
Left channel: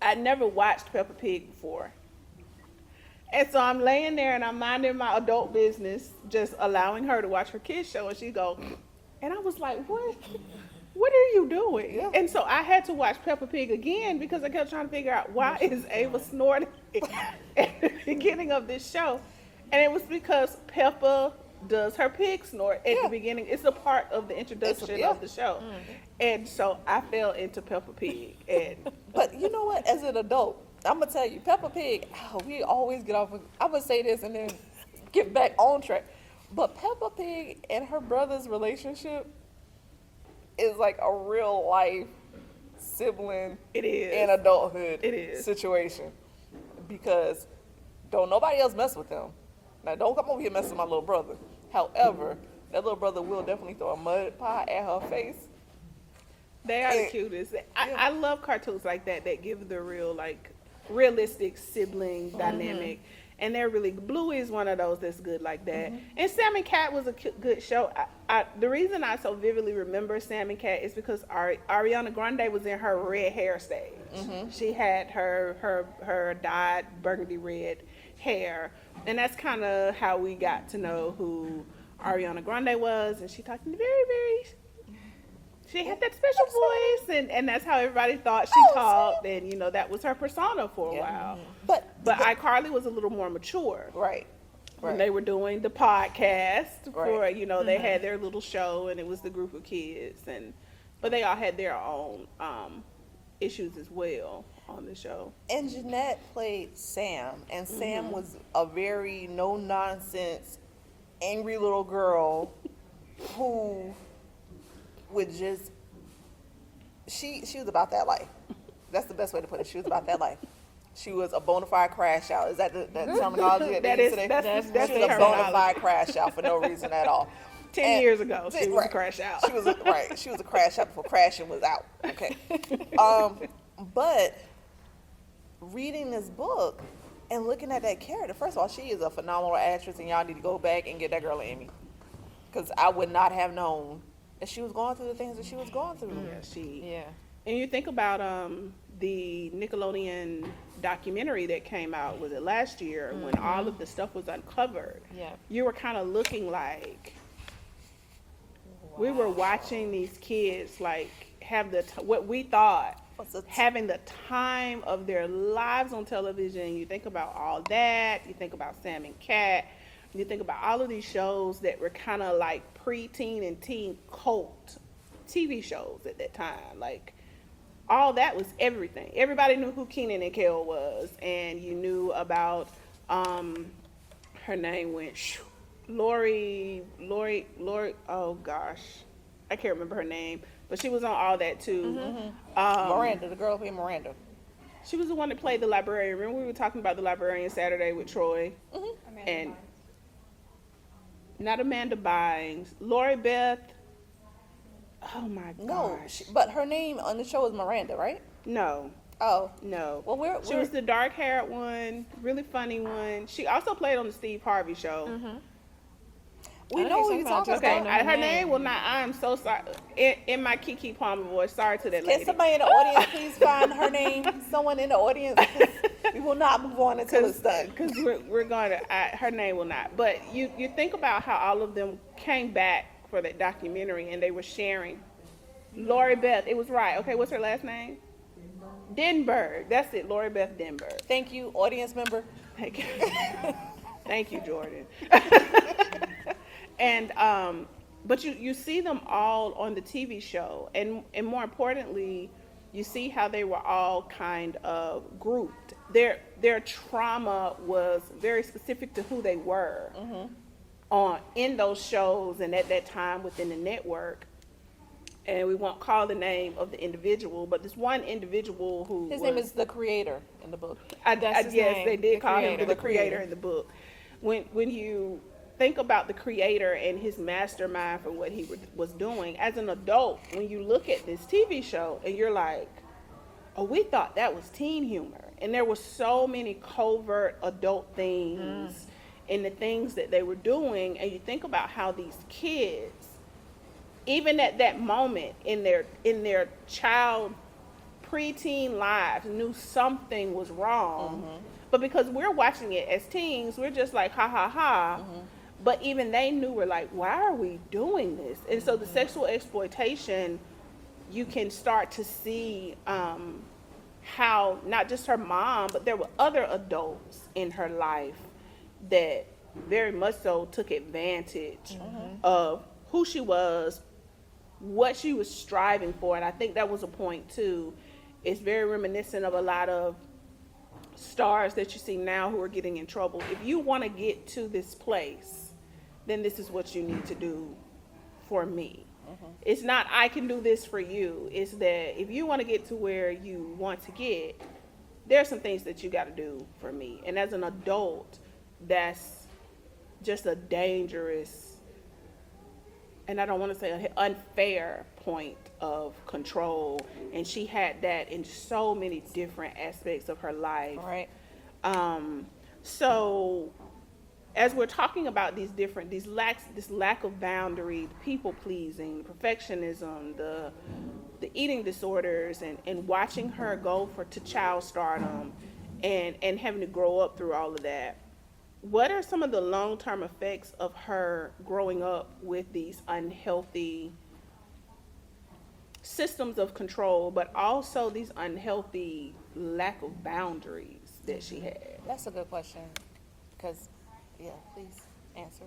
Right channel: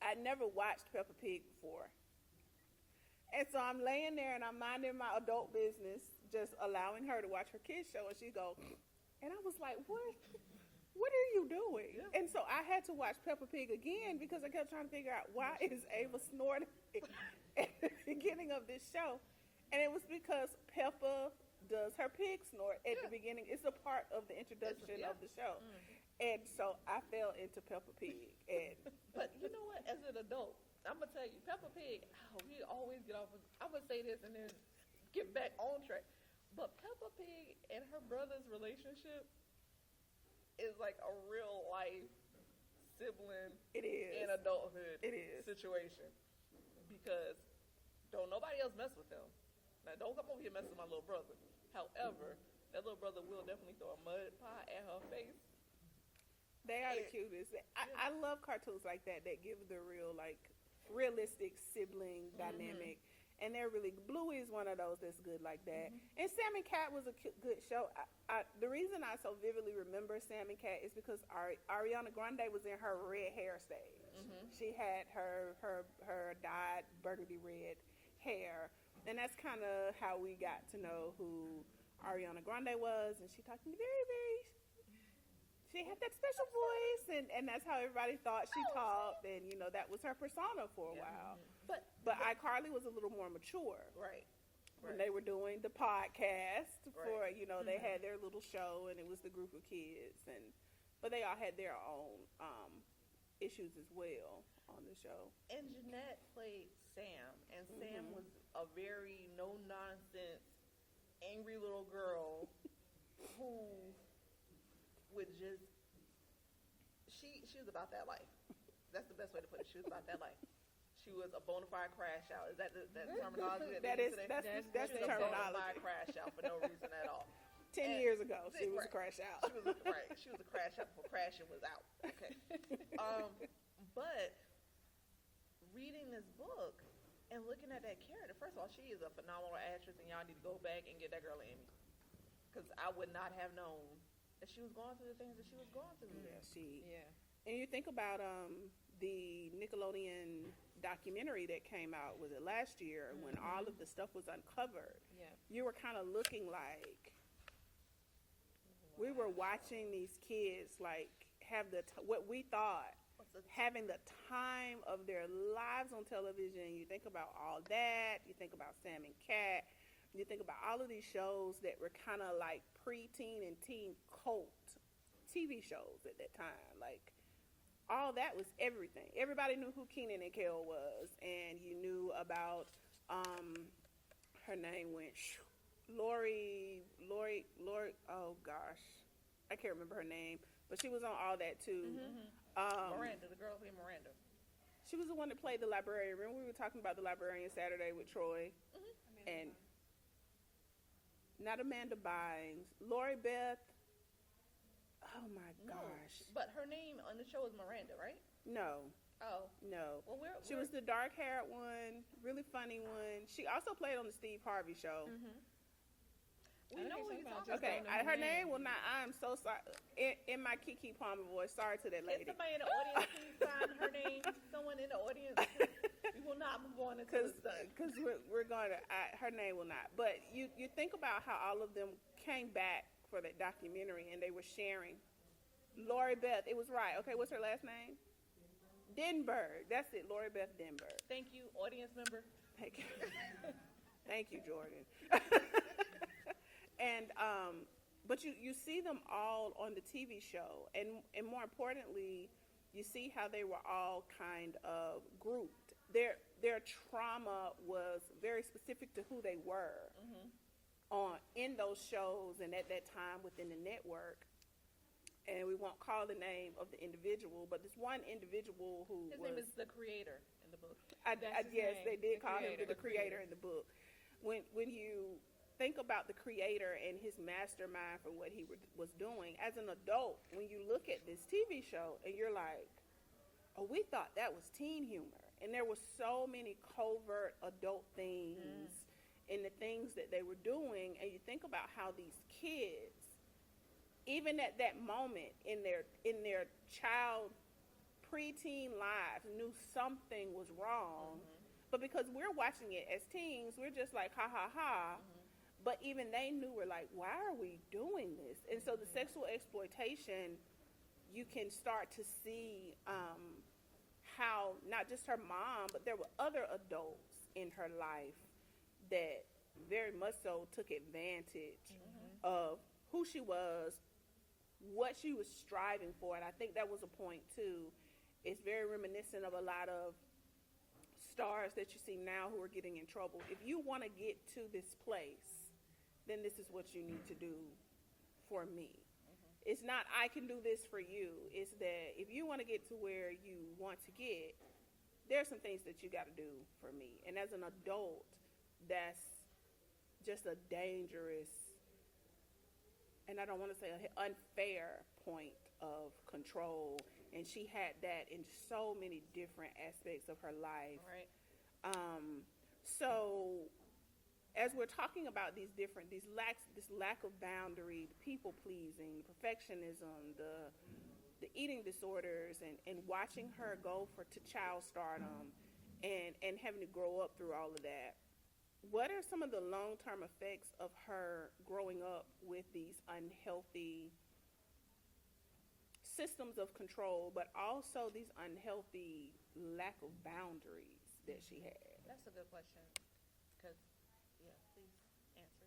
I'd never watched Peppa Pig before. And so I'm laying there and I'm minding my adult business, just allowing her to watch her kids show, and she go, and I was like, what are you doing? Yeah. And so I had to watch Peppa Pig again because I kept trying to figure out why is Ava snorting at the beginning of this show. And it was because Peppa does her pig snort at the beginning. It's a part of the introduction of the show. And so I fell into Peppa Pig. And But you know what? As an adult, I'm gonna tell you, Peppa Pig. We always get off. I'm gonna say this and then get back on track. But Peppa Pig and her brother's relationship is like a real life sibling it is. in adulthood It is. situation, because don't nobody else mess with them. Now don't come over here messing with my little brother. However, that little brother will definitely throw a mud pie at her face. They are the cutest. I love cartoons like that give the real, like, realistic sibling dynamic. And they're really, Bluey is one of those that's good like that. And Sam and Cat was a good show. The reason I so vividly remember Sam and Cat is because Ariana Grande was in her red hair stage. She had her dyed burgundy red hair. And that's kind of how we got to know who Ariana Grande was. And she talked in she had that special voice, and that's how everybody thought she talked, and that was her persona for a while. But iCarly was a little more mature, Right. when they were doing the podcast. For they had their little show, and it was the group of kids, but they all had their own issues as well on the show. And Jeanette played Sam, and Sam was a very no nonsense, angry little girl who would just she was about that life. That's the best way to put it. She was about that life. She was a bona fide crash out. Is that the terminology that they use today? That's She the was a bona terminology. fide crash out for no reason at all. 10 years ago, she was right. a crash out. She was a crash out before crashing was out. Okay. But reading this book and looking at that character, first of all, she is a phenomenal actress, and y'all need to go back and get that girl an Emmy, because I would not have known that she was going through the things that she was going through. Yeah, Yeah. And you think about the Nickelodeon documentary that came out, was it last year, when all of the stuff was uncovered, Yeah. you were kind of looking like we were watching these kids like have what we thought having the time of their lives on television. You think about all that. You think about Sam and Cat. You think about all of these shows that were kind of like preteen and teen cult TV shows at that time. Like, all that was everything. Everybody knew who Kenan and Kel was, and you knew about her name went Lori. Oh gosh, I can't remember her name, but she was on all that too. Miranda, the girl who played Miranda. She was the one that played the librarian. Remember we were talking about the librarian Saturday with Troy, and not Amanda Bynes, Lori Beth. Oh my gosh. No, but her name on the show is Miranda, right? No. Oh, No. well, She was the dark-haired one, really funny one. She also played on the Steve Harvey Show. we I know think who you're somebody talking just Okay, about. don't know her her name name. will not. I am so sorry. In my Kiki Palmer voice, sorry to that Can lady. somebody in the audience please find her name? Someone in the audience, 'cause we will not move on until it's done. Because we're going to. Her name will not. But you think about how all of them came back for that documentary, and they were sharing. Lori Beth, it was right. Okay, what's her last name? Denberg. That's it. Lori Beth Denberg. Thank you, audience member. Thank you. Thank you, Jordan. And but you see them all on the TV show, and more importantly, you see how they were all kind of grouped. Their trauma was very specific to who they were in those shows and at that time within the network. And we won't call the name of the individual, but this one individual who His name is the creator in the book. That's his yes, name, they did the call him creator. the creator in the book. When you think about the creator and his mastermind for what he was doing as an adult, when you look at this TV show and you're like, oh, we thought that was teen humor, and there were so many covert adult things in the things that they were doing, and you think about how these kids, even at that moment in their child preteen lives, knew something was wrong. But because we're watching it as teens, we're just like, ha ha ha. But even they knew, we're like, why are we doing this? And so the sexual exploitation, you can start to see how not just her mom, but there were other adults in her life that very much so took advantage of who she was, what she was striving for. And I think that was a point too. It's very reminiscent of a lot of stars that you see now who are getting in trouble. If you want to get to this place, then this is what you need to do for me. It's not I can do this for you. It's that if you want to get to where you want to get, there's some things that you got to do for me. And as an adult, that's just a dangerous, and I don't want to say an unfair point of control. And she had that in so many different aspects of her life. Right. So as we're talking about this lack of boundary, people pleasing, perfectionism, the eating disorders, and watching her go to child stardom and having to grow up through all of that, what are some of the long-term effects of her growing up with these unhealthy systems of control, but also these unhealthy lack of boundaries that she had? That's a good question. Because, yeah, please answer.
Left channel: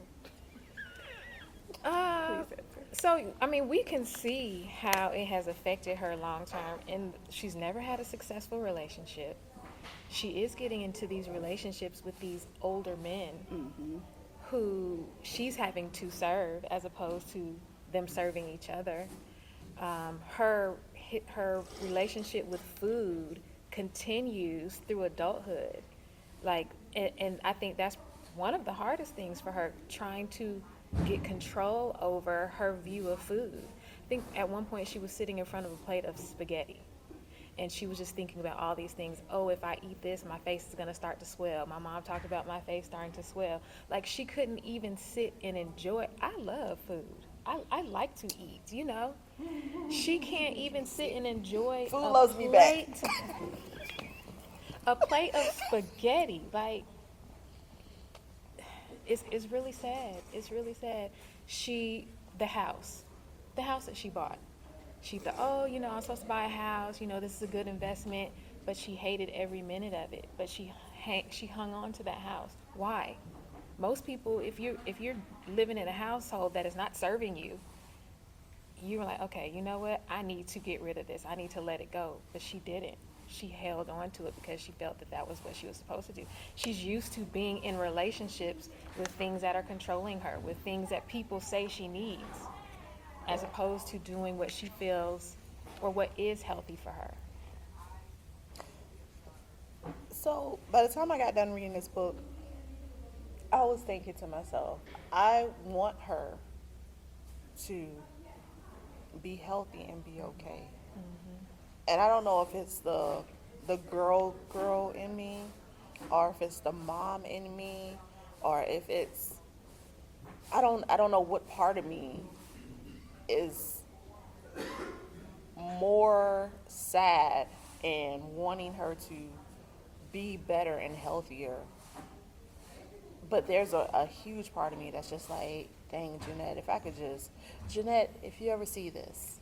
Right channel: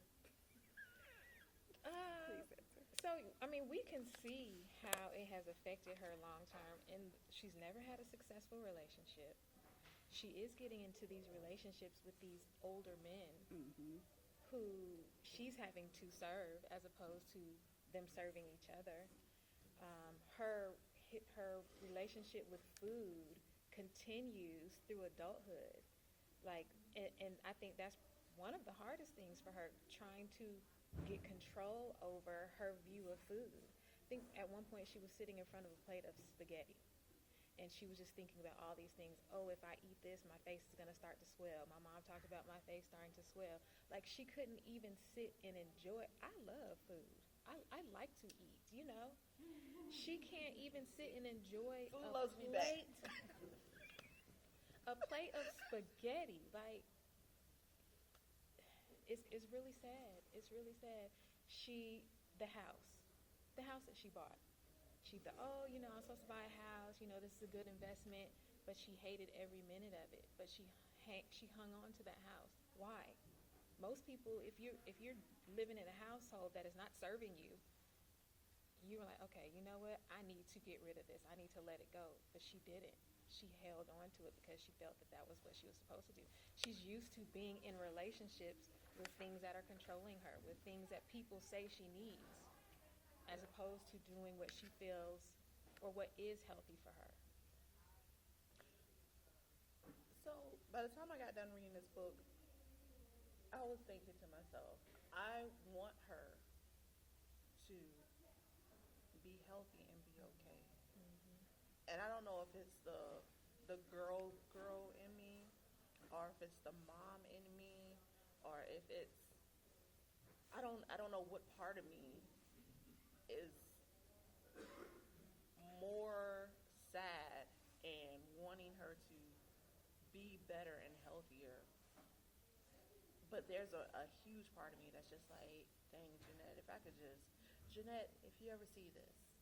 So, I mean, we can see how it has affected her long term, and she's never had a successful relationship. She is getting into these relationships with these older men who she's having to serve as opposed to them serving each other. Her relationship with food continues through adulthood. And I think that's one of the hardest things for her, trying to get control over her view of food. I think at one point she was sitting in front of a plate of spaghetti, And she was just thinking about all these things. Oh, if I eat this, my face is going to start to swell. My mom talked about my face starting to swell. Like, she couldn't even sit and enjoy. I love food. I like to eat, you know. She can't even sit and enjoy Food loves me back. a plate of spaghetti. Like, it's really sad. It's really sad. The house that she bought. She thought, oh, you know, I'm supposed to buy a house. You know, this is a good investment. But she hated every minute of it. But she hung on to that house. Why? Most people, if you're living in a household that is not serving you, you're like, okay, you know what? I need to get rid of this. I need to let it go. But she didn't. She held on to it because she felt that was what she was supposed to do. She's used to being in relationships with things that are controlling her, with things that people say she needs, as opposed to doing what she feels or what is healthy for her. So by the time I got done reading this book, I was thinking to myself, I want her to be healthy and be okay. And I don't know if it's the girl in me, or if it's the mom in me, or if it's I don't know what part of me is more sad and wanting her to be better and healthier. But there's a huge part of me that's just like, dang, Jeanette, if I could just, Jeanette, if you ever see this,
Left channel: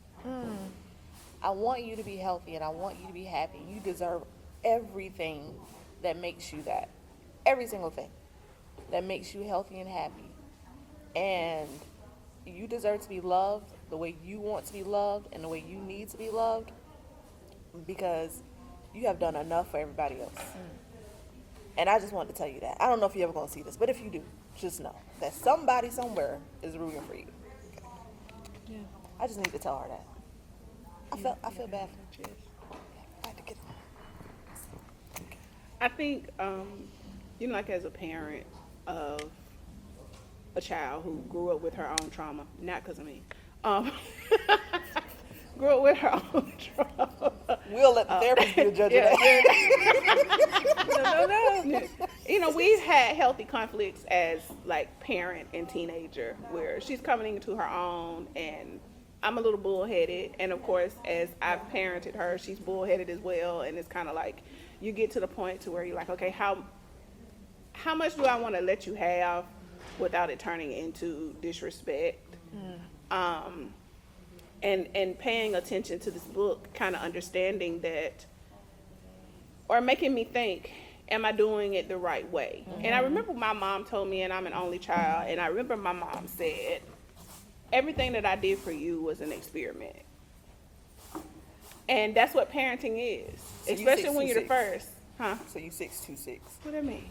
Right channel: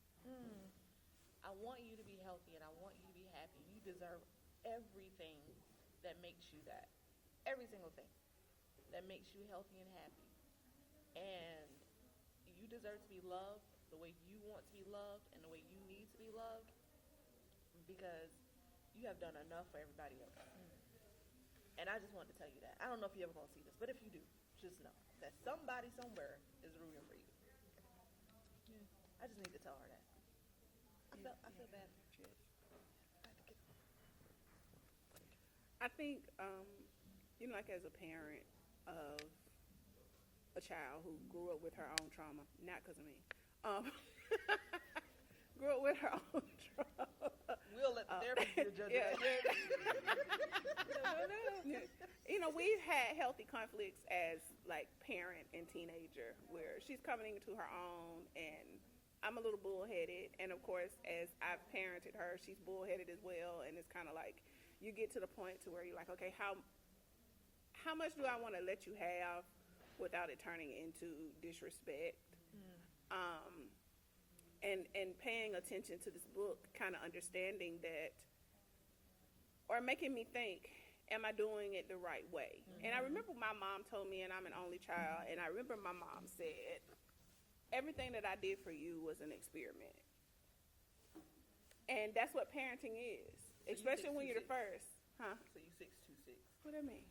I want you to be healthy and I want you to be happy. You deserve everything that makes you that. Every single thing that makes you healthy and happy. And you deserve to be loved the way you want to be loved and the way you need to be loved, because you have done enough for everybody else. And I just wanted to tell you that. I don't know if you're ever going to see this, but if you do, just know that somebody somewhere is rooting for you. Okay. Yeah. I just need to tell her that. I feel bad for her. I had to get I think, you know, like as a parent of a child who grew up with her own trauma, not because of me, grew up with her own trauma. We'll let the therapist be the judge of that. No. You know, we've had healthy conflicts as like parent and teenager, where she's coming into her own, and I'm a little bullheaded, and of course, as I've parented her, she's bullheaded as well. And it's kind of like you get to the point to where you're like, okay, how much do I want to let you have without it turning into disrespect? And paying attention to this book, kind of understanding that, or making me think, am I doing it the right way? And I remember my mom told me, and I'm an only child, and I remember my mom said, everything that I did for you was an experiment. And that's what parenting is, So especially when you're the first. Huh? So you 6'2". What do I mean?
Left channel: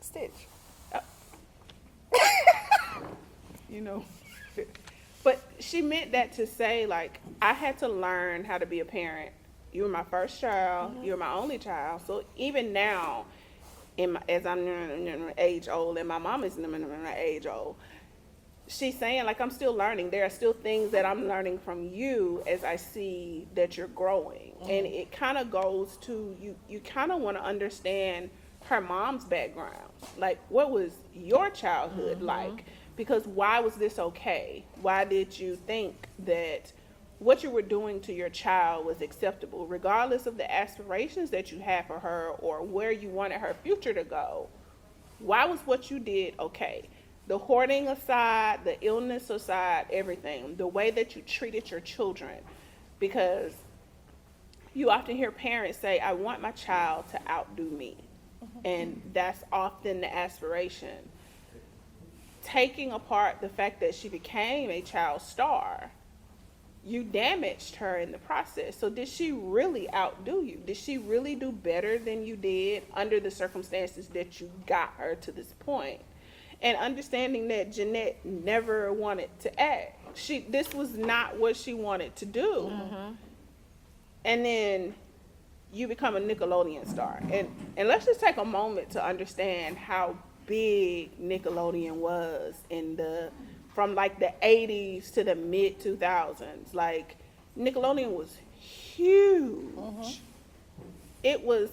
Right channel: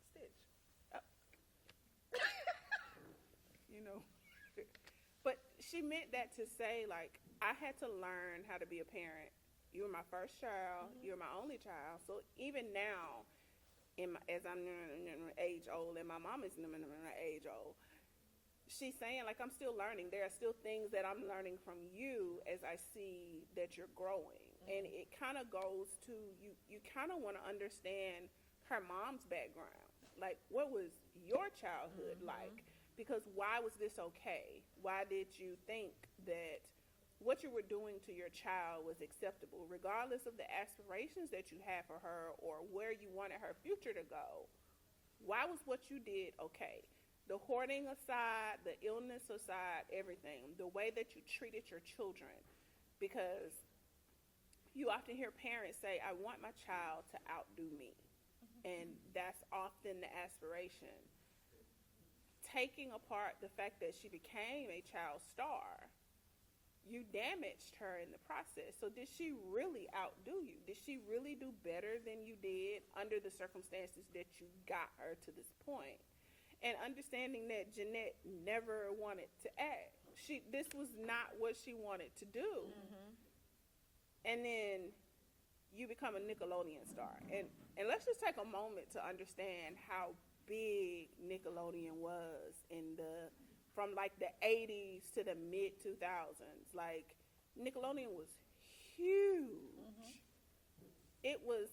Stitch. You know. But she meant that to say, like, I had to learn how to be a parent. You were my first child. You were my only child. So even now, as I'm age old, and my mom is age old, she's saying, like, I'm still learning. There are still things that I'm learning from you as I see that you're growing. And it kind of goes to, you kind of want to understand her mom's background. Like, what was your childhood like? Because why was this okay? Why did you think that what you were doing to your child was acceptable, regardless of the aspirations that you had for her or where you wanted her future to go? Why was what you did okay? The hoarding aside, the illness aside, everything, the way that you treated your children. Because you often hear parents say, I want my child to outdo me. And that's often the aspiration. Taking apart the fact that she became a child star, you damaged her in the process. So did she really outdo you? Did she really do better than you did under the circumstances that you got her to this point? And understanding that Jeanette never wanted to act. This was not what she wanted to do. And then you become a Nickelodeon star. And let's just take a moment to understand how big Nickelodeon was from like the 80s to the mid 2000s. Like, Nickelodeon was huge. it was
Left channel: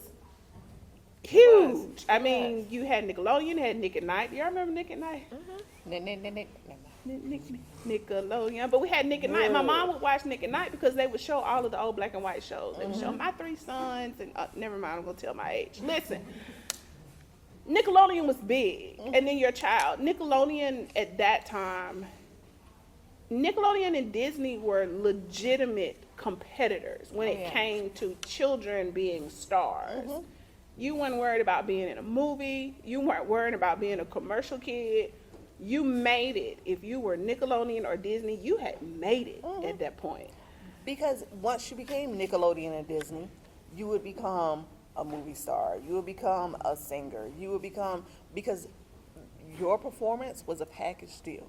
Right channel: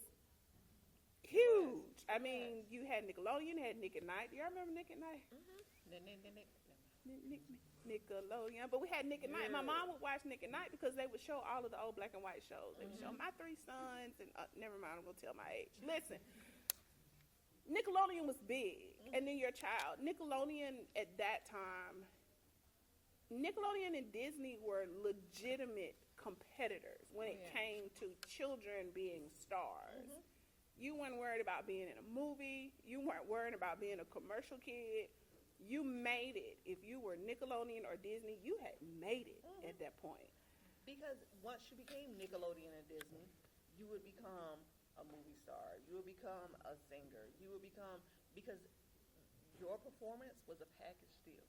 huge. I mean, you had Nickelodeon, you had Nick at Night. Y'all remember Nick at Night? Nickelodeon, but we had Nick at Night. My mom would watch Nick at Night because they would show all of the old black and white shows. They would show My Three Sons and never mind, I'm gonna tell my age. Listen, Nickelodeon was big, and then your child. Nickelodeon at that time, Nickelodeon and Disney were legitimate competitors when it came to children being stars. You weren't worried about being in a movie. You weren't worried about being a commercial kid. You made it. If you were Nickelodeon or Disney, you had made it at that point. Because once you became Nickelodeon and Disney, you would become a movie star. You would become a singer. You would become, because your performance was a package deal.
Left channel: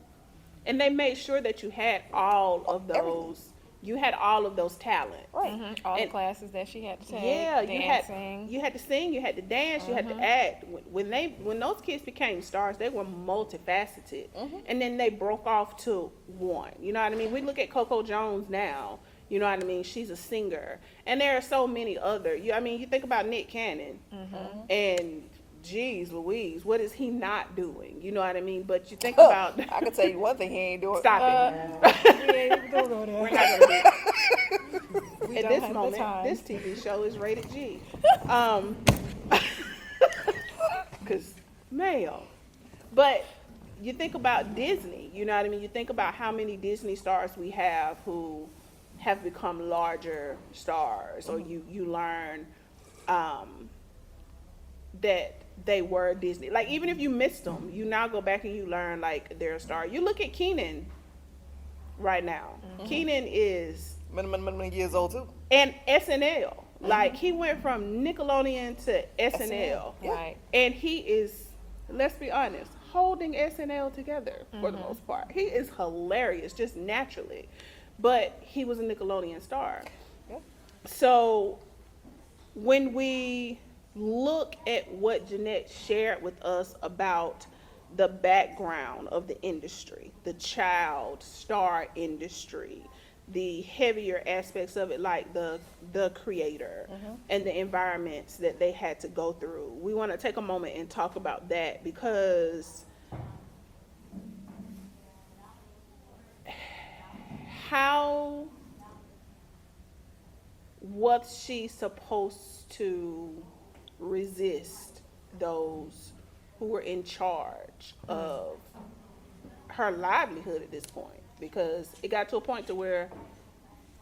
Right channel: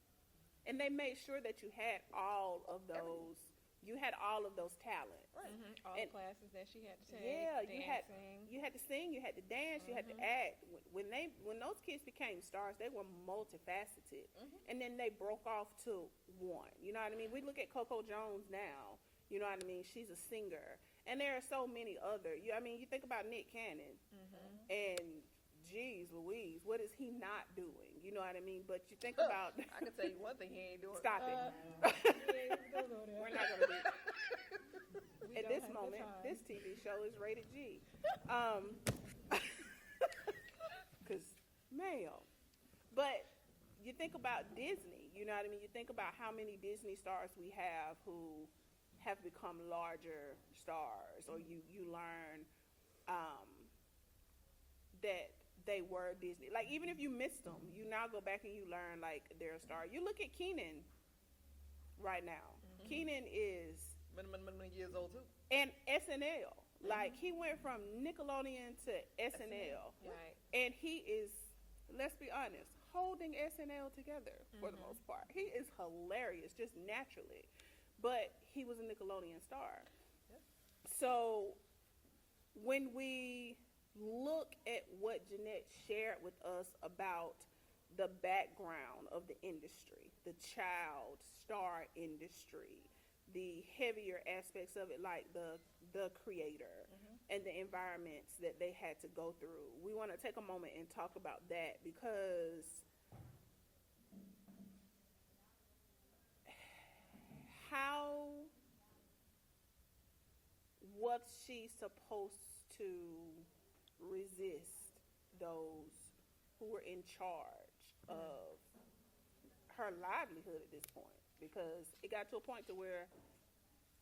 And they made sure that you had all of those. Everything. You had all of those talents. Right. All the And- classes that she had to take. Yeah, dancing. you had to sing, you had to dance, you had to act. When those kids became stars, they were multifaceted, and then they broke off to one. You know what I mean? We look at Coco Jones now. You know what I mean? She's a singer, and there are so many other. You think about Nick Cannon, and geez Louise, what is he not doing? You know what I mean? But you think about. I can tell you one thing he ain't doing. Stop it. Yeah, we don't go there. We're not gonna do it. We At don't this have the moment, time. this TV show is rated G. Because male. But you think about Disney, you know what I mean? You think about how many Disney stars we have who have become larger stars, or you learn that they were Disney. Like, even if you missed them, you now go back and you learn, like, they're a star. You look at Keenan right now. Keenan is Many years old too. and SNL. Like, he went from Nickelodeon to SNL. Right. And he is, let's be honest, holding SNL together for the most part. He is hilarious, just naturally. But he was a Nickelodeon star. Yeah. So when we look at what Jeanette shared with us about the background of the industry, the child star industry, the heavier aspects of it, like the creator and the environments that they had to go through, we want to take a moment and talk about that, because how was she supposed to resist those who were in charge of her livelihood at this point? Because it got to a point to where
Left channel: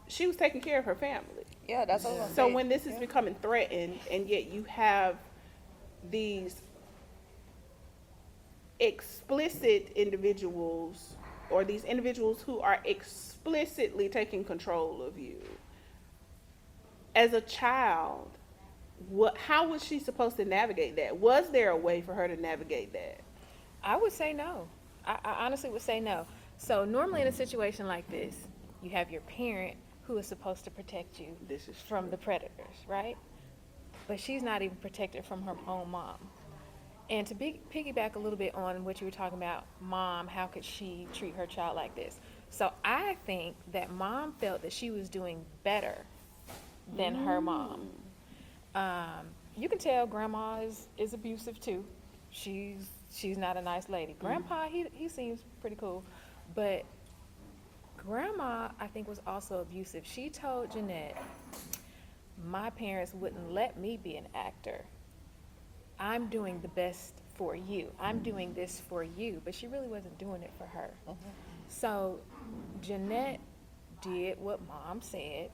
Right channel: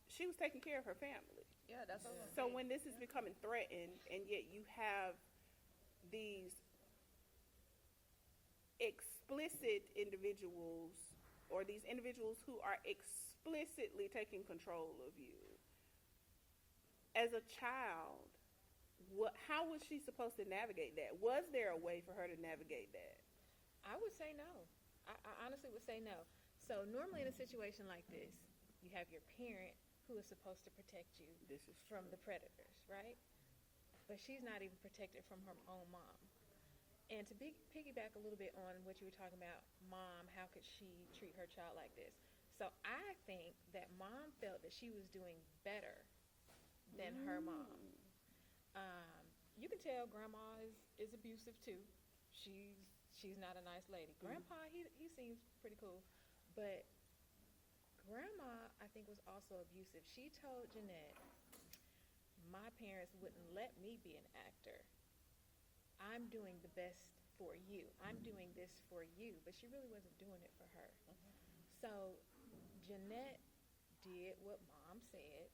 she was taking care of her family. Yeah, that's what I'm So saying. when this is becoming threatened, and yet you have these explicit individuals, or these individuals who are explicitly taking control of you, as a child, how was she supposed to navigate that? Was there a way for her to navigate that? I would say no. I honestly would say no. So normally in a situation like this, you have your parent who is supposed to protect you This is from the predators, right? But she's not even protected from her own mom. And to piggyback a little bit on what you were talking about, mom, how could she treat her child like this? So I think that mom felt that she was doing better than her mom. You can tell grandma is abusive too. She's not a nice lady. Grandpa, he seems pretty cool, but grandma, I think, was also abusive. She told Jeanette, my parents wouldn't let me be an actor. I'm doing the best for you. I'm doing this for you. But she really wasn't doing it for her. So Jeanette did what mom said.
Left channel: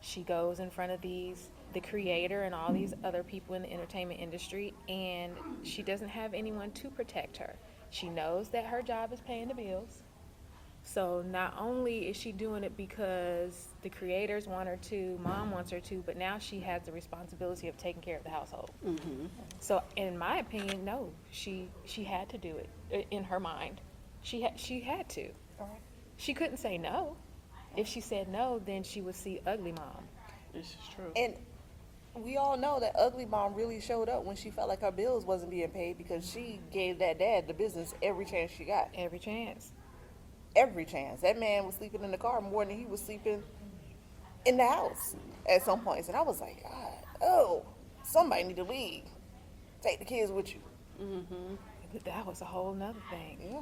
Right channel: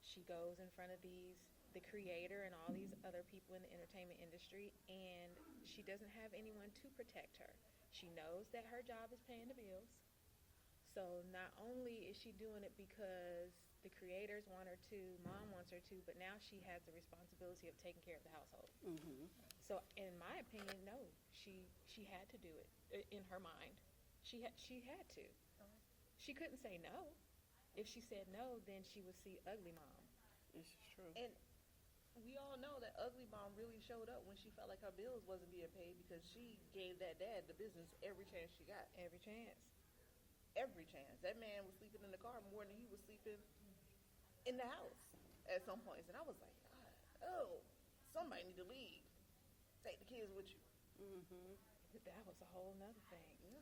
She goes in front of the creator and all these other people in the entertainment industry, and she doesn't have anyone to protect her. She knows that her job is paying the bills. So not only is she doing it because the creators want her to, mom wants her to, but now she has the responsibility of taking care of the household. So in my opinion, no, she had to do it in her mind. She had to. She couldn't say no. If she said no, then she would see ugly mom. This is true. And we all know that ugly mom really showed up when she felt like her bills wasn't being paid, because she gave that dad the business every chance she got. Every chance. Every chance. That man was sleeping in the car more than he was sleeping in the house at some points. And I was like, God, oh, somebody need to leave. Take the kids with you. But that was a whole nother thing. Yeah.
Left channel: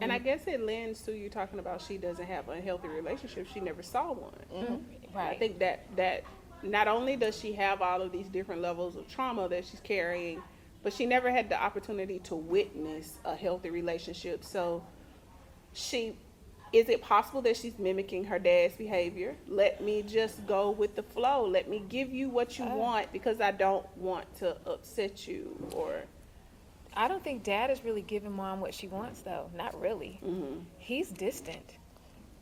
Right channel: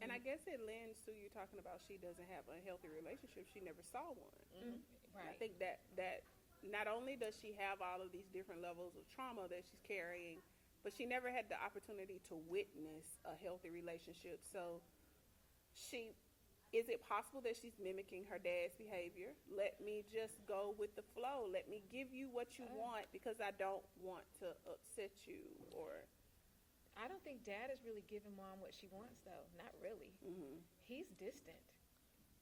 And I guess it lends to you talking about she doesn't have unhealthy relationships. She never saw one. Right. I think that not only does she have all of these different levels of trauma that she's carrying, but she never had the opportunity to witness a healthy relationship. So is it possible that she's mimicking her dad's behavior? Let me just go with the flow. Let me give you what you want because I don't want to upset you. Or I don't think dad is really giving mom what she wants, though. Not really. He's distant.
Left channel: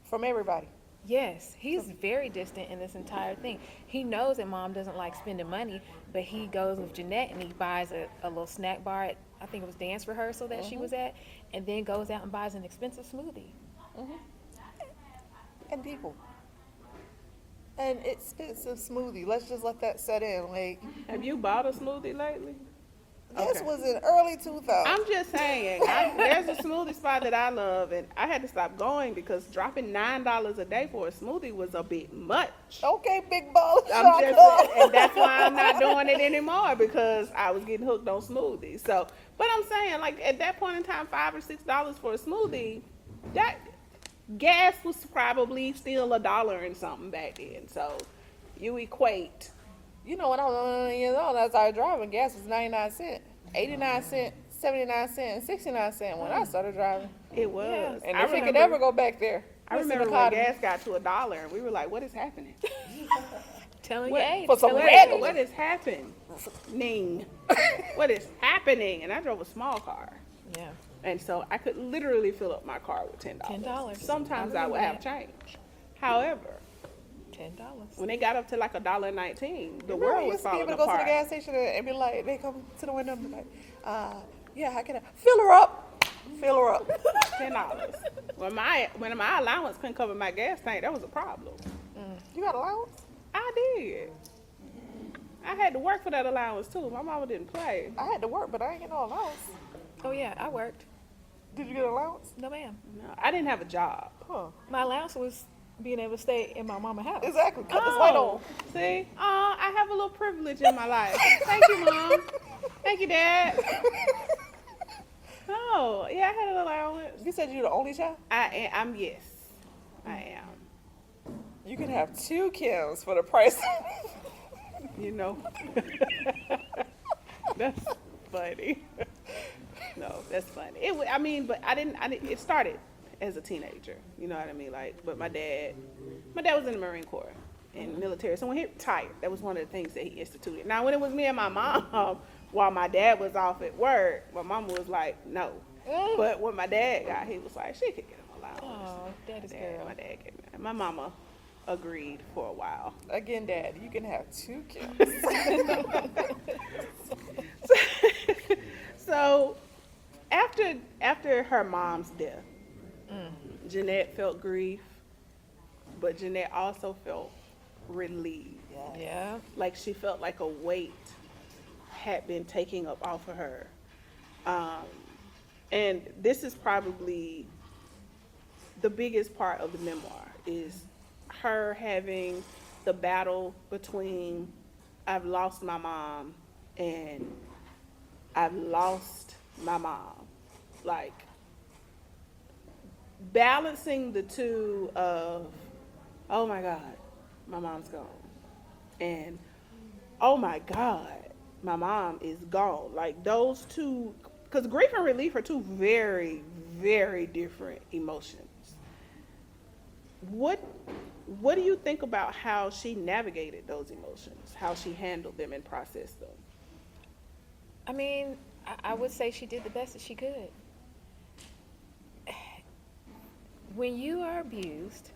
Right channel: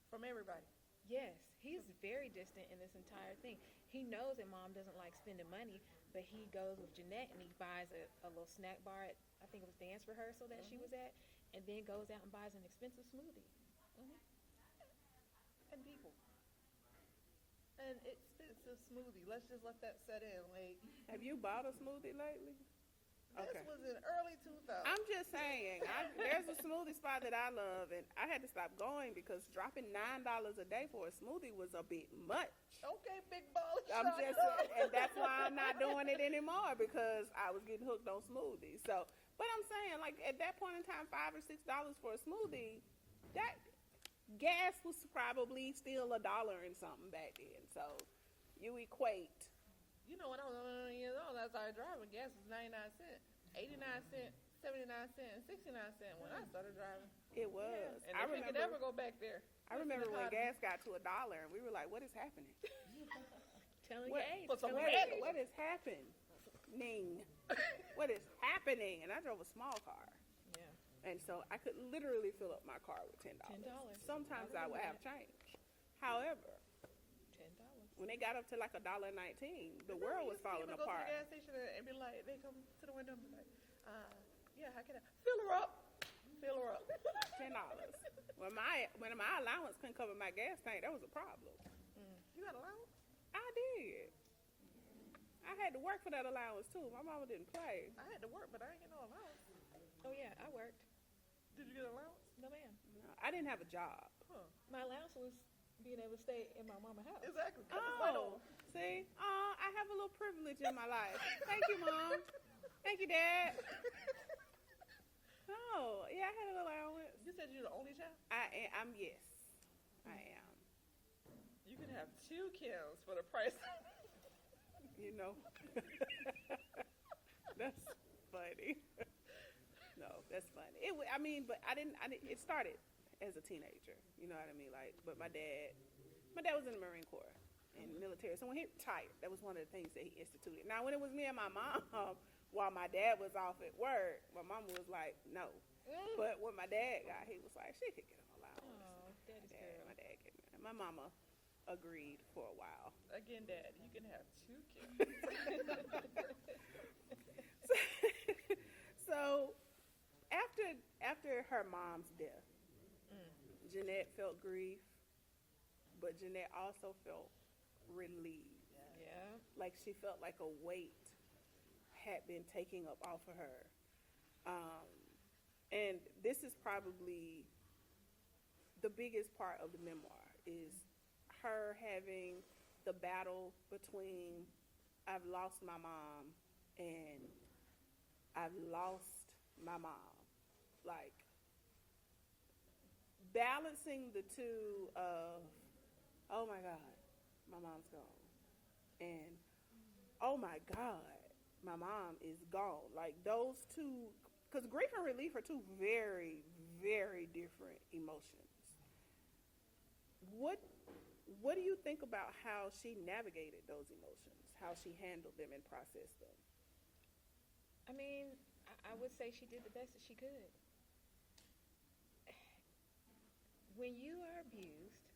From everybody. Yes, he's very distant in this entire thing. He knows that mom doesn't like spending money, but he goes with Jeanette and he buys a little snack bar at, I think it was dance rehearsal that she was at, and then goes out and buys an expensive smoothie. And people. An expensive smoothie. Let's just let that set in. Like, have you bought a smoothie lately? this Okay. was in early 2000s. I'm just saying, there's a smoothie spot that I love, and I had to stop going because dropping $9 a day for a smoothie was a bit much. Okay, big ball of I'm just, chocolate. and that's why I'm not doing it anymore because I was getting hooked on smoothies. So, but I'm saying, like at that point in time, $5 or $6 for a smoothie, that gas was probably still $1 and something back then. So, you equate. You know, when I was 11 years old, I started driving, gas was 99 cents, 89 cents, 79 cents, and 69 cents when I started driving. It was. Yeah. And if we could ever go back there. I remember when gas got to $1, and we were like, "What is happening? Telling What- you, hey, for some tell her- regular- What is happening? What is happening?" And I drove a small car. Yeah. And so I could literally fill up my car with $10. $10. Sometimes I I would remember have change. However, $10. when they got up to like $1.19, the Remember, world you was used to be falling able to go to the apart. gas station and be like, they come to the window and be like, yeah, how can I fill her up? Fill her up. $10. When my allowance couldn't cover my gas tank, that was a problem. You got allowance? I did. I had to work for that allowance too. My mama didn't play. I had to work, but I ain't get no allowance. Oh, yeah, I worked. Did you get allowance? No, ma'am. No, I didn't have a job. Huh. My allowance was being able to stay in my mama's house. Exactly. Cut this light on. See? I have a little privilege in my life. Thank you, Mom. Thank you, Dad. Oh, yeah, I had an allowance. You said you're the only child? I'm yes. I am. You can have 2 Kims for the price. You know. That's funny. No, that's funny. But I didn't, it started as a teenager. You know what I mean? Like, but my dad was in the Marine Corps and military. So when he retired, that was one of the things that he instituted. Now, when it was me and my mom, while my dad was off at work, my mom was like, no. But when my dad got, he was like, she could get him allowance. Oh, daddy's girl. My dad gave me, my mama agreed for a while. Again, Dad, you can have 2 Kims. So after her mom's death, Jeanette felt grief, but Jeanette also felt relieved. Yeah. Like she felt like a weight had been taken up off of her. And this is probably the biggest part of the memoir, is her having the battle between I've lost my mom and I've lost my mom. Like balancing the two of, oh my God, my mom's gone. And oh my God, my mom is gone. Like those two, because grief and relief are two very, very different emotions. What do you think about how she navigated those emotions, how she handled them and processed them? I mean, I would say she did the best that she could. When you are abused,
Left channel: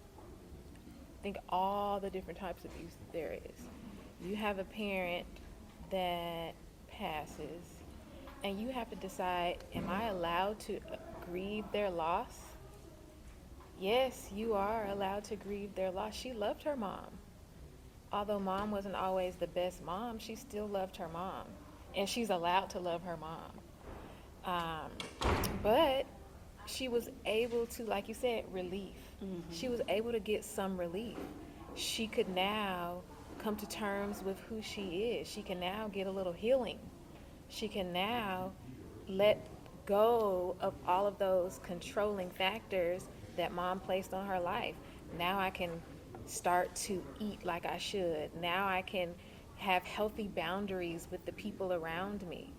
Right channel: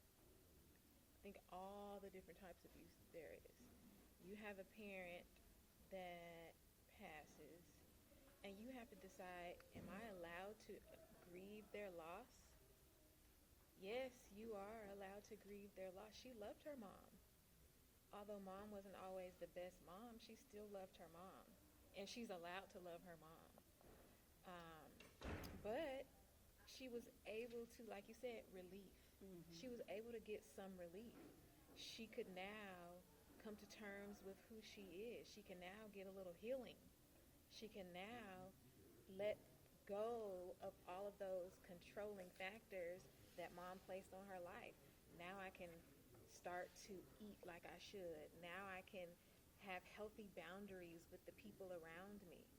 think all the different types of abuse there is. You have a parent that passes, and you have to decide, am I allowed to grieve their loss? Yes, you are allowed to grieve their loss. She loved her mom. Although mom wasn't always the best mom, she still loved her mom. And she's allowed to love her mom. But she was able to, like you said, relief. She was able to get some relief. She could now come to terms with who she is. She can now get a little healing. She can now let go of all of those controlling factors that mom placed on her life. Now I can start to eat like I should. Now I can have healthy boundaries with the people around me.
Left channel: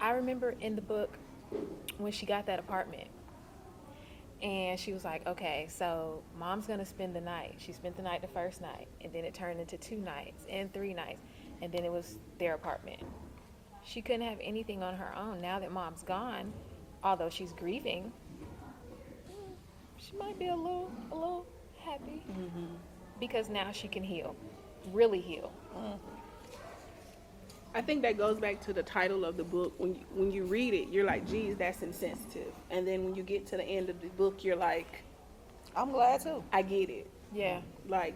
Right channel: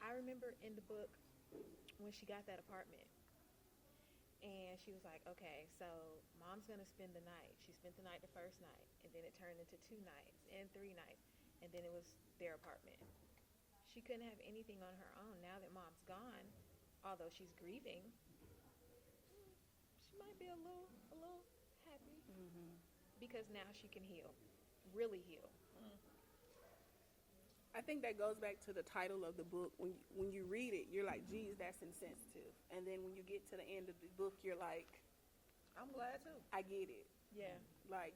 I remember in the book when she got that apartment, and she was like, okay, so mom's gonna spend the night. She spent the night the first night, and then it turned into 2 nights and 3 nights, and then it was their apartment. She couldn't have anything on her own. Now that mom's gone, although she's grieving, she might be a little happy because now she can heal, really heal. I think that goes back to the title of the book. When you read it, you're like, geez, that's insensitive. And then when you get to the end of the book, you're like, I'm glad too. I get it. Yeah, Like,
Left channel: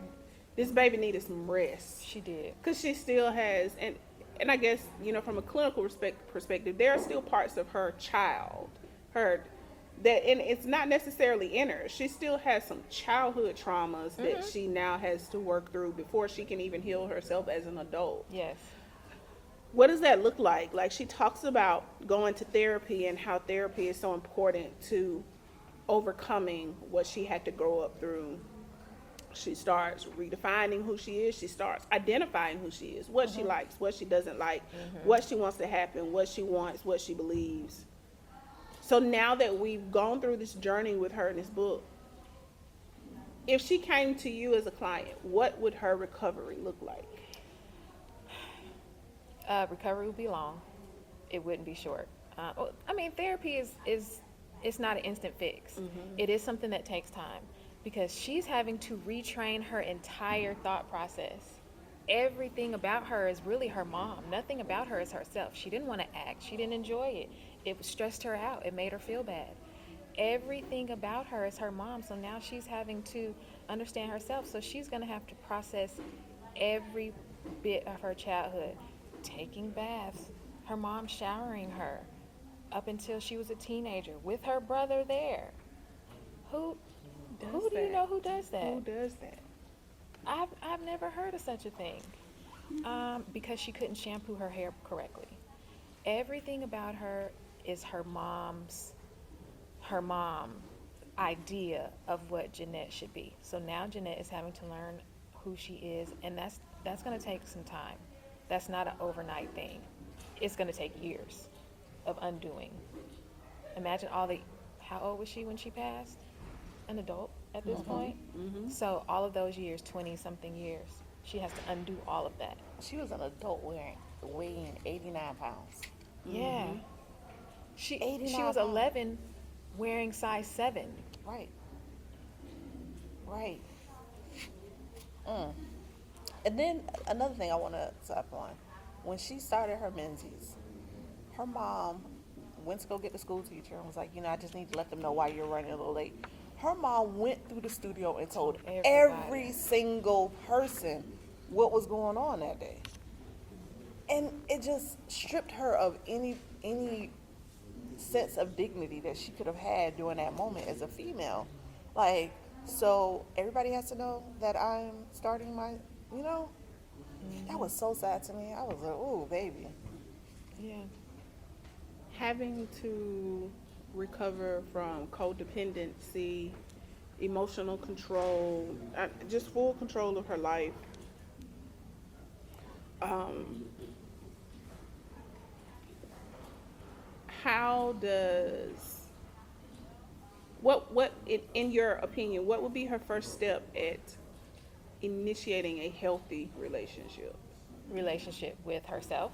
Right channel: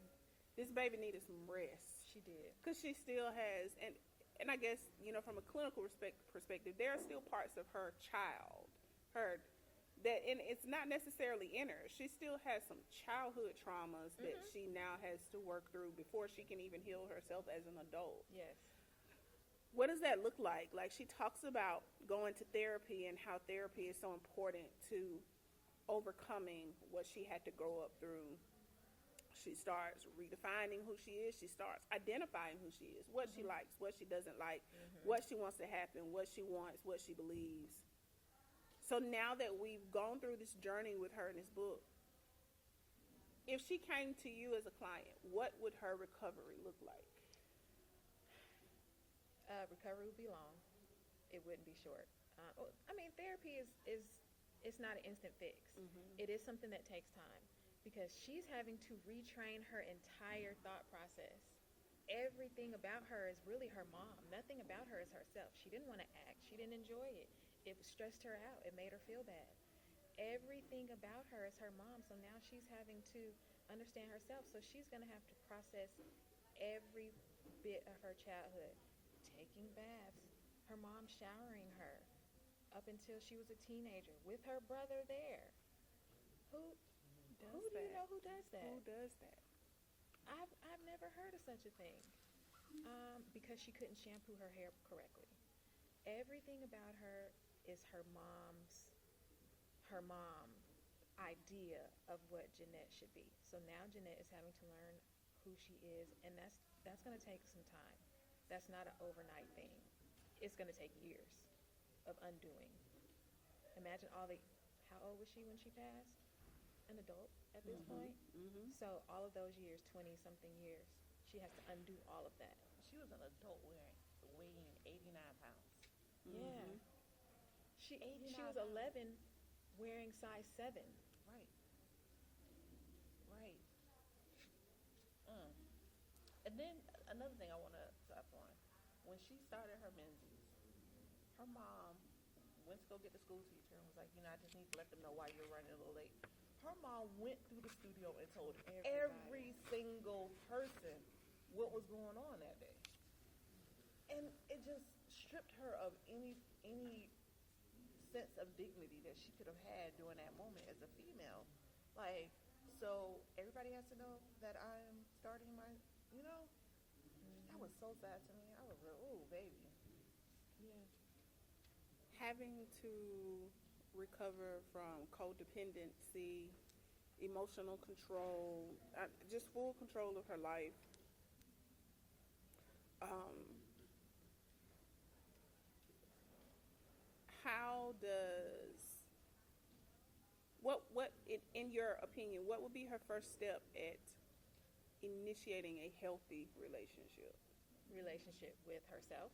this baby needed some rest. she did. Because she still has, and I guess, from a clinical perspective, there are still parts of her child, and it's not necessarily in her. She still has some childhood traumas that she now has to work through before she can even heal herself as an adult. Yes. What does that look like? Like, she talks about going to therapy and how therapy is so important to overcoming what she had to grow up through. She starts redefining who she is. She starts identifying who she is, what she likes, what she doesn't like, what she wants to happen, what she wants, what she believes. So now that we've gone through this journey with her in this book, if she came to you as a client, what would her recovery look like? Recovery would be long. It wouldn't be short. Therapy is it's not an instant fix. It is something that takes time because she's having to retrain her entire thought process. Everything about her is really her mom. Nothing about her is herself. She didn't want to act. She didn't enjoy it. It stressed her out. It made her feel bad. Everything about her is her mom. So now she's having to understand herself. So she's going to have to process every bit of her childhood. Taking baths, her mom showering her up until she was a teenager with her brother there. Who do you know who does that? Who does that? I've never heard of such a thing. Because she couldn't shampoo her hair correctly. Everything about her is her mom idea of what Jeanette should be. So now Jeanette is having to learn who she is, and that's going to take some time. That's not an overnight thing. It's going to take years of undoing. Imagine how old was she when she passed? An adult at this point. So all of those years, 20-something years, she has to undo all of that. She was an adult weighing 89 pounds. Yeah. She 89 was pounds. 11 wearing size 7. Right. And then another thing I want to tap on, when she started her Menzies, her mom went to go get the school teacher and was like, I just need to let them know why you're running a little late. Her mom went through the studio and told every single person what was going on that day. And it just stripped her of any sense of dignity that she could have had during that moment as a female. Like, so everybody has to know that I'm starting my, that was so sad to me. I was like, ooh, baby. Yeah. Having to recover from codependency, emotional control, just full control of her life. How does, in your opinion, what would be her first step at initiating a healthy relationship? Relationship with herself.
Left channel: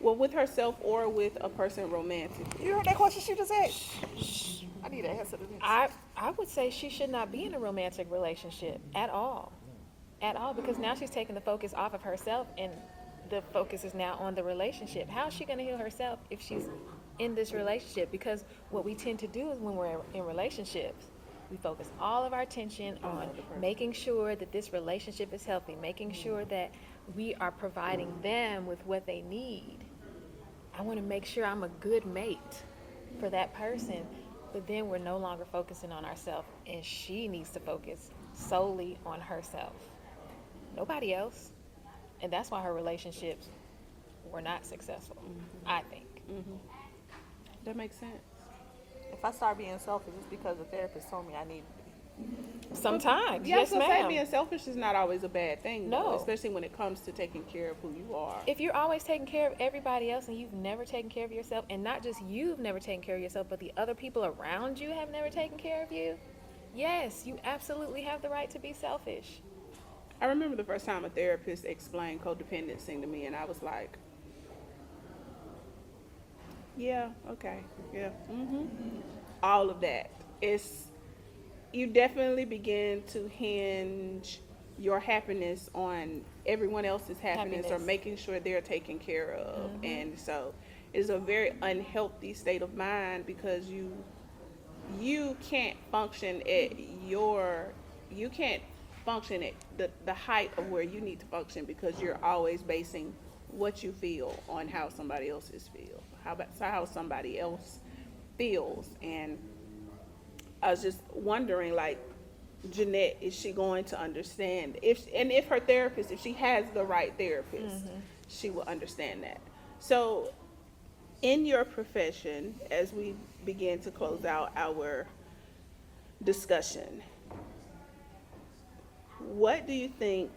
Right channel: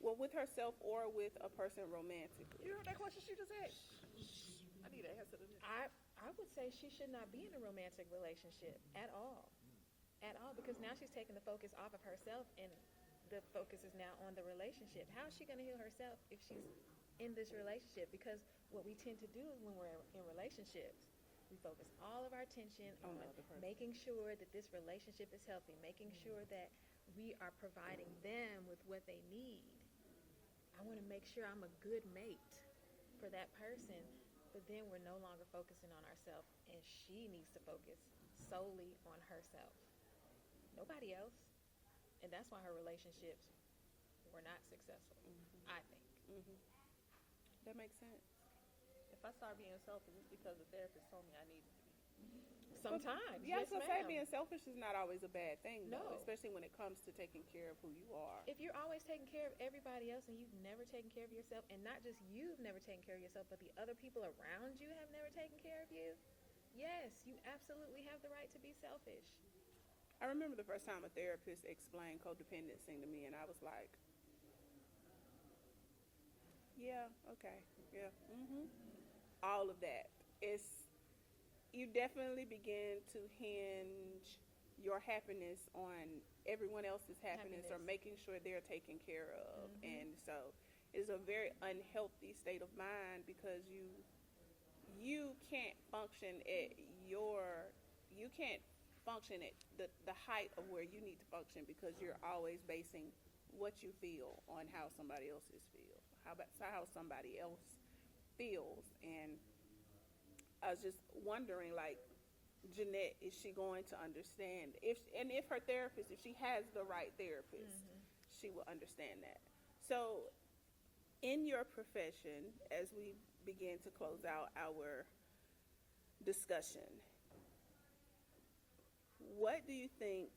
Well, with herself or with a person romantic. You heard that question she just asked? I need an answer to this. I would say she should not be in a romantic relationship at all. At all, because now she's taking the focus off of herself and the focus is now on the relationship. How is she going to heal herself if she's in this relationship? Because what we tend to do is when we're in relationships, we focus all of our attention on making sure that this relationship is healthy, making sure that we are providing them with what they need. I want to make sure I'm a good mate for that person, but then we're no longer focusing on ourselves, and she needs to focus solely on herself. Nobody else. And that's why her relationships were not successful, I think. That makes sense. If I start being selfish, it's because the therapist told me I needed to be. Sometimes, Yeah, yes, so ma'am. being selfish is not always a bad thing. No. Though, especially when it comes to taking care of who you are. If you're always taking care of everybody else and you've never taken care of yourself, and not just you've never taken care of yourself, but the other people around you have never taken care of you, yes, you absolutely have the right to be selfish. I remember the first time a therapist explained codependency to me, and I was like, yeah, okay, yeah, all of that. You definitely begin to hinge your happiness on everyone else's happiness or making sure they're taken care of. And so it's a very unhealthy state of mind because you can't function at the height of where you need to function because you're always basing what you feel on how somebody else's feel, how somebody else feels. And I was just wondering, like, Jeanette, is she going to understand? If her therapist, if she has the right therapist, she will understand that. So, in your profession, as we begin to close out our discussion, what do you think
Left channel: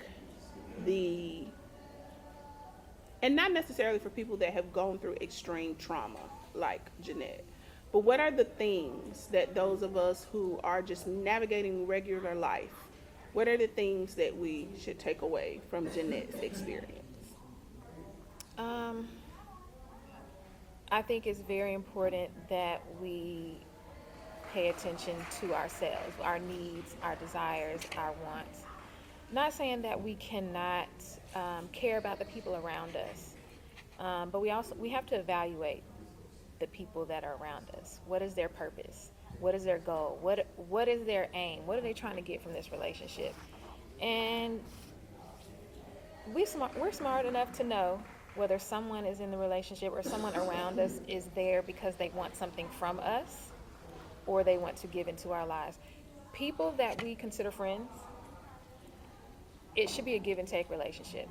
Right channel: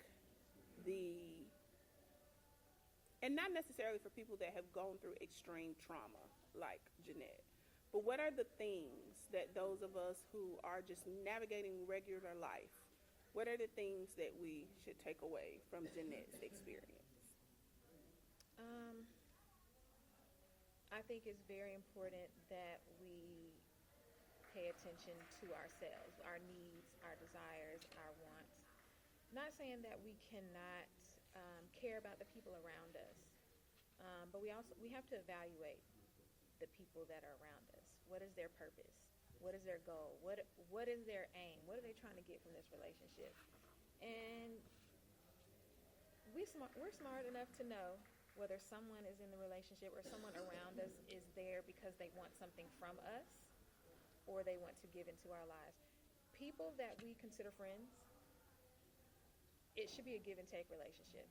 and not necessarily for people that have gone through extreme trauma like Jeanette, but what are the things that those of us who are just navigating regular life, what are the things that we should take away from Jeanette's experience? I think it's very important that we pay attention to ourselves, our needs, our desires, our wants. Not saying that we cannot care about the people around us, but we have to evaluate the people that are around us. What is their purpose? What is their goal? What is their aim? What are they trying to get from this relationship? And we're smart enough to know whether someone is in the relationship or someone around us is there because they want something from us or they want to give into our lives. People that we consider friends, it should be a give and take relationship.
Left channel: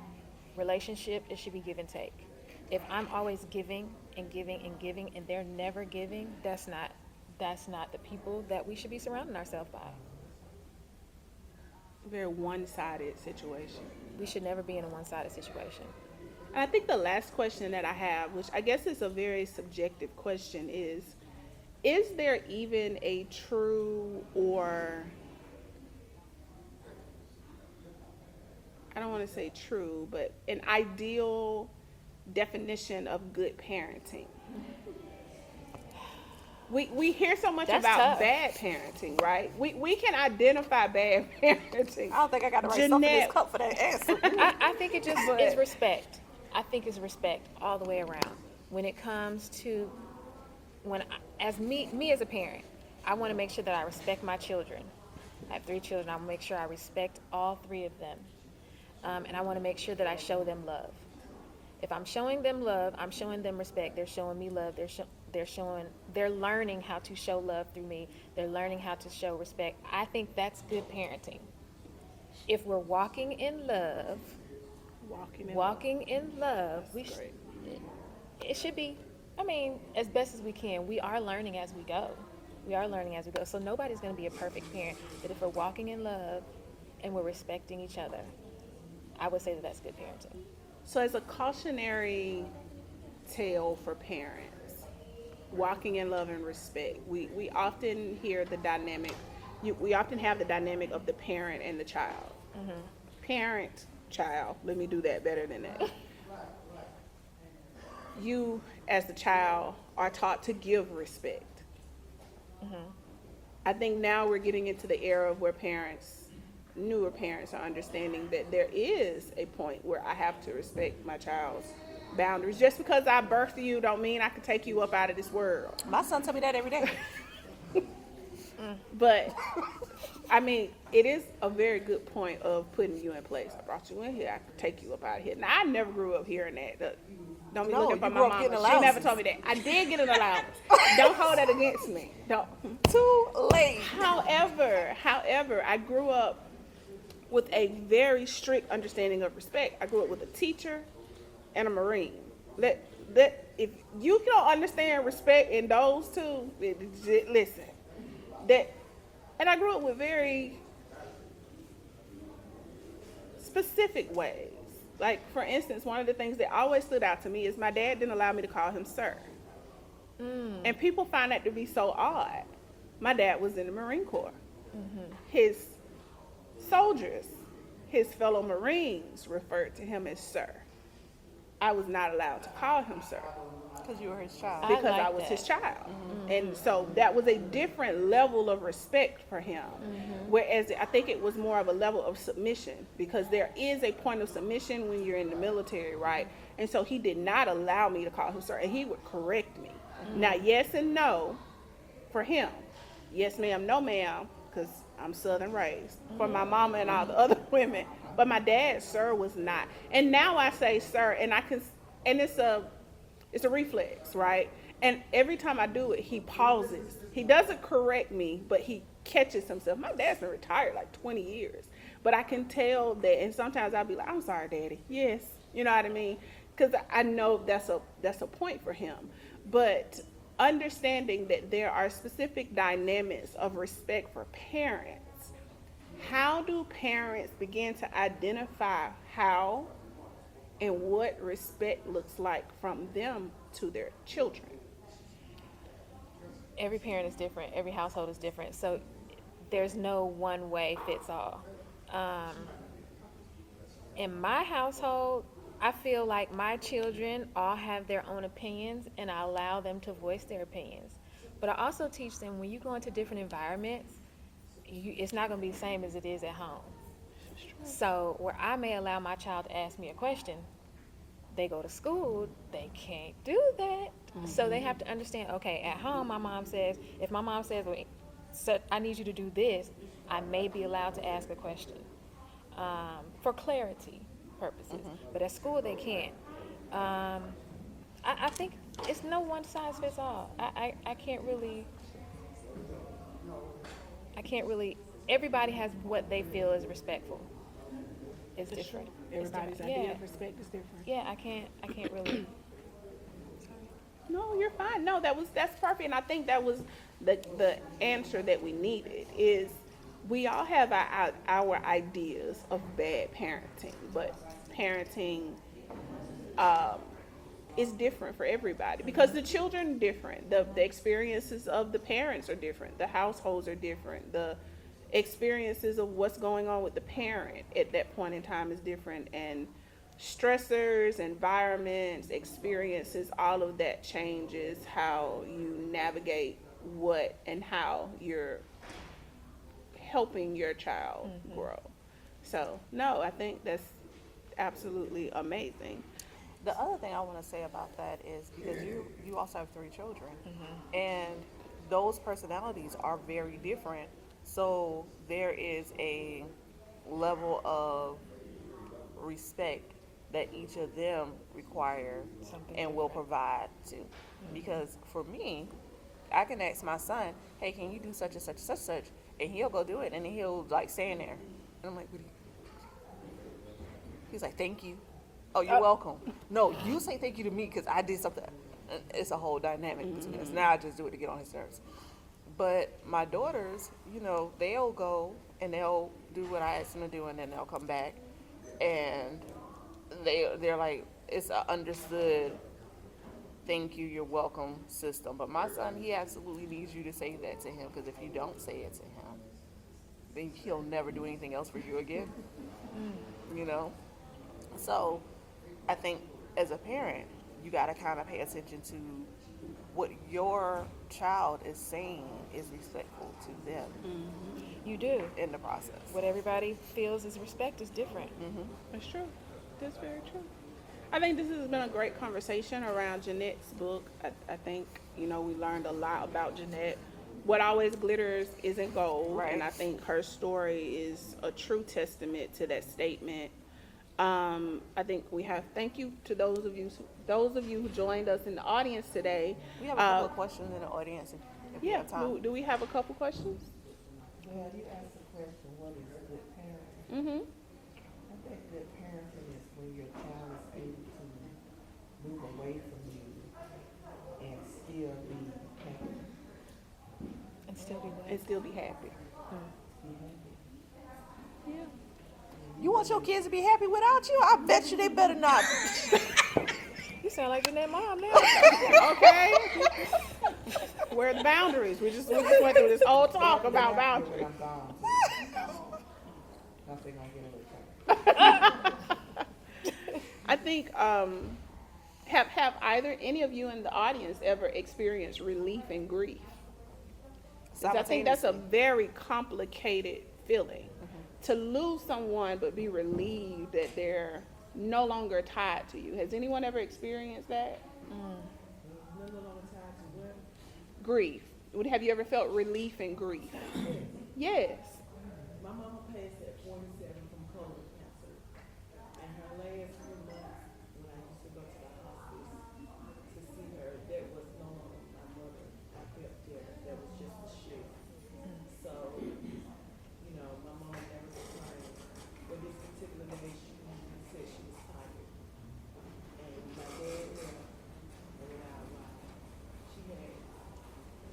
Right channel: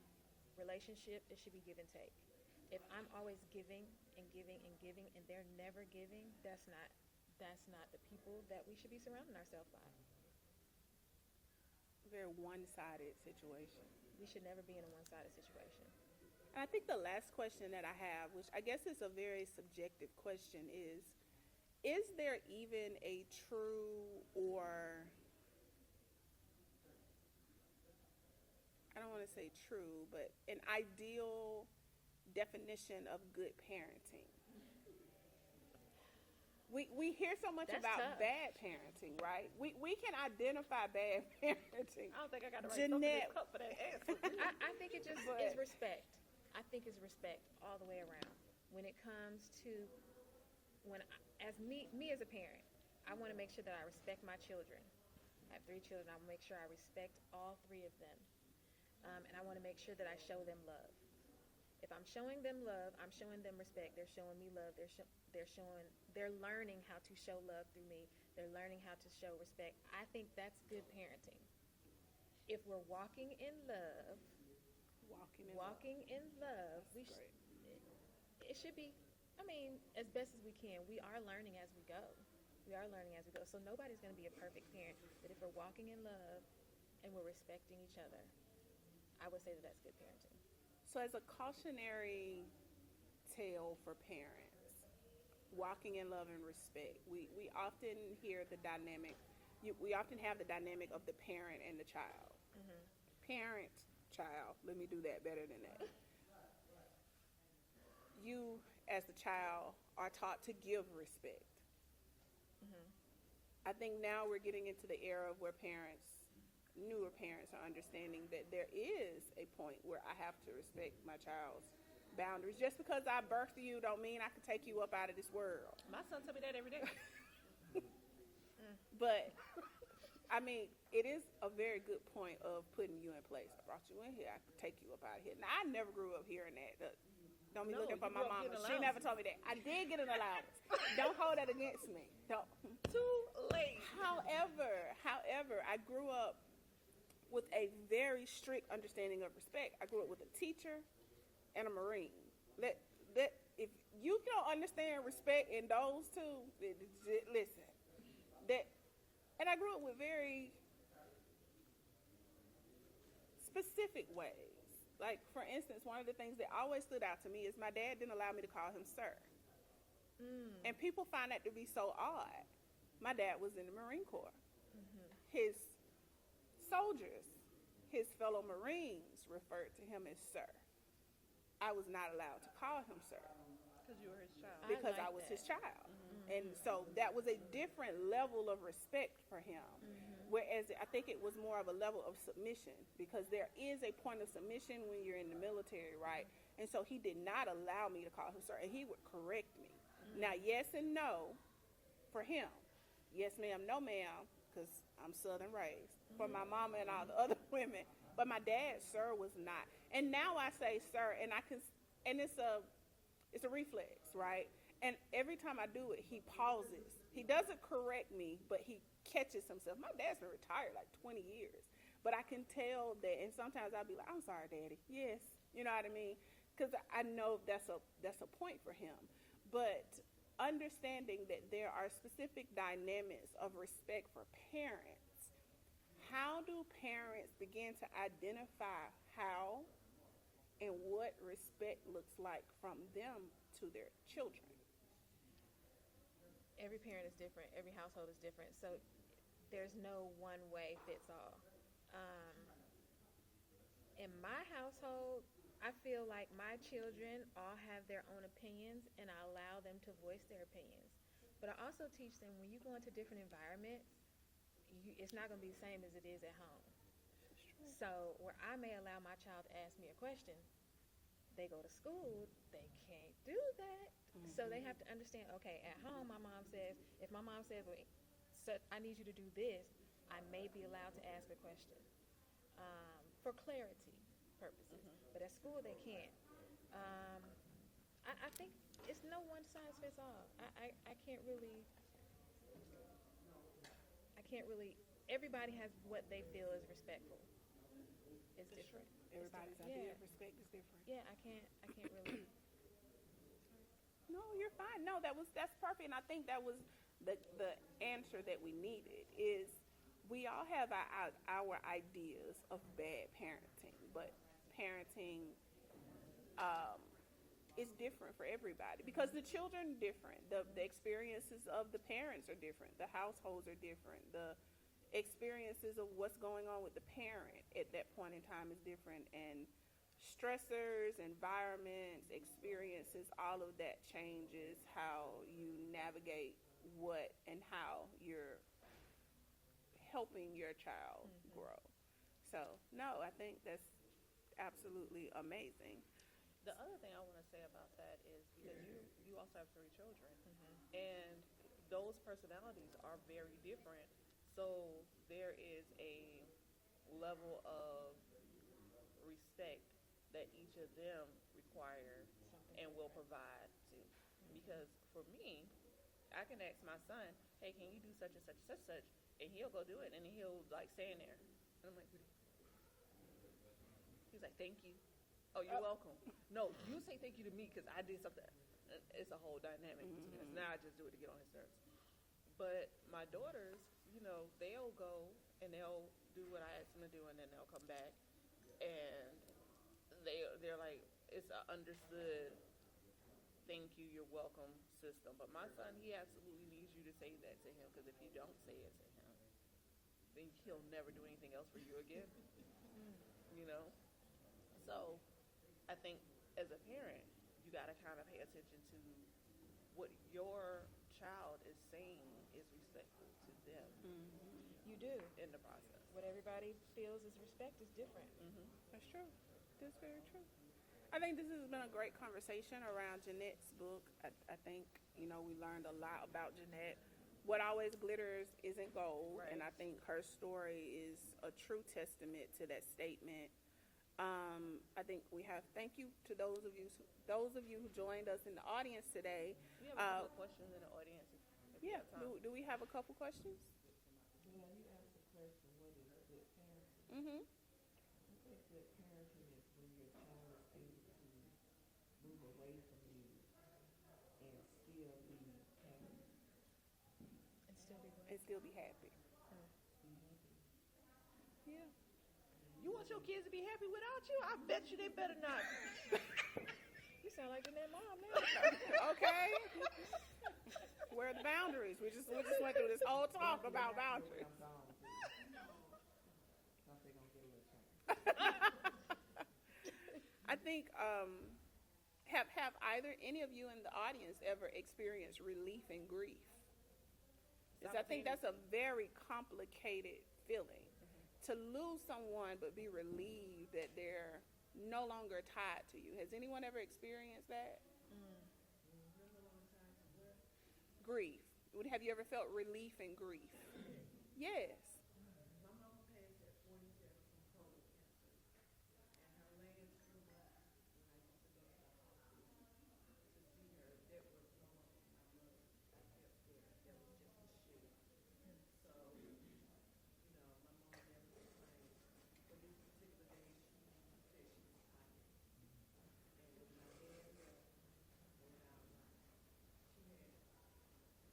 It should be give and take. If I'm always giving and giving and giving and they're never giving, that's not the people that we should be surrounding ourselves by. Very one-sided situation. We should never be in a one-sided situation. And I think the last question that I have, which I guess is a very subjective question, is there even a true, or I don't want to say true, but an ideal definition of good parenting? We hear so much That's about tough. bad parenting, right? We can identify bad parenting. I don't think I got to write something in this cup for that answer. I think it just is respect. I think it's respect all the way around. When it comes to as me as a parent, I want to make sure that I respect my children. I have 3 children. I want to make sure I respect all 3 of them. And I want to make sure that I show them love. If I'm showing them love, I'm showing them respect. They're showing me love. They're learning how to show love through me. They're learning how to show respect. I think that's good parenting. If we're walking in love, it should be, as best as we can. We are learning as we go. So nobody's going to be a perfect parent. But if we're walking in love and we're respecting each other, I would say that that's good parenting. So as a cautionary tale for parents, walking in love and respect, we often hear the dynamic, we often have the dynamic of the parent and the child. Parent, child, let me do that better than that. You, as the child, are taught to give respect. I think now we're getting into the era where newer parents are understanding that there is a point where I have to respect my child's boundaries. Just because I birthed you don't mean I can take you up out of this world. My son tell me that every day. But it is a very good point of putting you in place. I brought you in here, I can take you up out of here. Now, I never grew up hearing that. Don't be looking for my mama. She never told me that. I did get an allowance. Don't hold that against me. Don't. Too late. However, I grew up with a very strict understanding of respect. I grew up with a teacher and a Marine. That if you don't understand respect in those two, listen. That, and I grew up with very specific ways. Like, for instance, one of the things that always stood out to me is my dad didn't allow me to call him sir. And people find that to be so odd. My dad was in the Marine Corps. His soldiers, his fellow Marines, referred to him as sir. I was not allowed to call him sir Because you were his child. I because I like was that. his child. And so that was a different level of respect for him. Whereas I think it was more of a level of submission, because there is a point of submission when you're in the military, right? And so he did not allow me to call him sir, and he would correct me. Now, yes and no for him. Yes, ma'am, no, ma'am, because I'm Southern raised, for my mama and all the other women. But my dad, sir, was not. And now I say sir, and it's a reflex, right? And every time I do it, he pauses. He doesn't correct me, but he catches himself. My dad's been retired like 20 years. But I can tell that, and sometimes I'll be like, I'm sorry, Daddy. Yes. You know what I mean? Because I know that's a point for him. But understanding that there are specific dynamics of respect for parents, how do parents begin to identify how and what respect looks like from them to their children? Every parent is different. Every household is different. So there's no one way fits all. In my household, I feel like my children all have their own opinions, and I allow them to voice their opinions. But I also teach them, when you go into different environments, it's not going to be the same as it is at home. So where I may allow my child to ask me a question, they go to school, they can't do that. So they have to understand, okay, at home, if my mom says, well, I need you to do this, I may be allowed to ask a question for clarity purposes. But at school, they can't. I think it's no one size fits all. I can't really, everybody has what they feel is respectful. It's different. Everybody's It's idea different. of respect is different. Yeah, I can't really. No, you're fine. No, that's perfect. And I think that was the answer that we needed. Is we all have our ideas of bad parenting, but parenting is different for everybody, because the children are different. The experiences of the parents are different. The households are different. The experiences of what's going on with the parent at that point in time is different. And stressors, environments, experiences, all of that changes how you navigate what and how you're helping your child grow. So, no, I think that's absolutely amazing. The other thing I want to say about that is, because you also have 3 children, and those personalities are very different. So there is a level of respect that each of them require and will provide to. Because for me, I can ask my son, hey, can you do such and such and such and such? And he'll go do it, and then he'll like stand there. And I'm like, what do you? He's like, thank you. Oh, you're welcome. No, you say thank you to me because I did something. It's a whole dynamic between us. Now I just do it to get on his nerves. But my daughters, they'll go and they'll do what I ask them to do, and then they'll come back, and they're like, it's an understood thank you, you're welcome system. But my son, he absolutely needs you to say that to him, because if you don't say it to him, then he'll never do anything else for you again. So I think as a parent, you got to kind of pay attention to what your child is saying is respectful to them You do. in the process. What everybody feels is respect is different. That's true. That's very true. I think this has been a great conversation around Jeanette's book. I think, we learned a lot about Jeanette. What always glitters isn't gold. Right. And I think her story is a true testament to that statement. I think thank you to those of you who joined us in the audience today. We have a couple of questions in the audience if you Yeah, have time. do we have a couple questions? Yeah, you asked the question, what is a good parent? Mm-hmm. I think good parenting is when your child is able to move away from you and still be happy. And still be And what? still be happy. Be happy. Yeah. You want your kids to be happy without you? I bet you they better not. You sound like Jeanette mom now. Okay. Where are the boundaries? We just went through this whole talk They'll be about happy boundaries. when I'm gone too. Because they're gonna get a little tired. I think have either any of you in the audience ever experienced relief and grief? 'Cause I think that's a very complicated feeling. To lose someone but be relieved that they're no longer tied to you. Has anyone ever experienced that? No longer tied to what? Grief. Have you ever felt relief and grief? Yes. My mama passed at 47 from colon cancer. And her last few months, when I used to go to the hospice to see her, that was no longer my mother. I felt that was just a shell. So, you know, my mom never complained. But this particular day, she said she was tired. And my dad left, and when I arrived, she had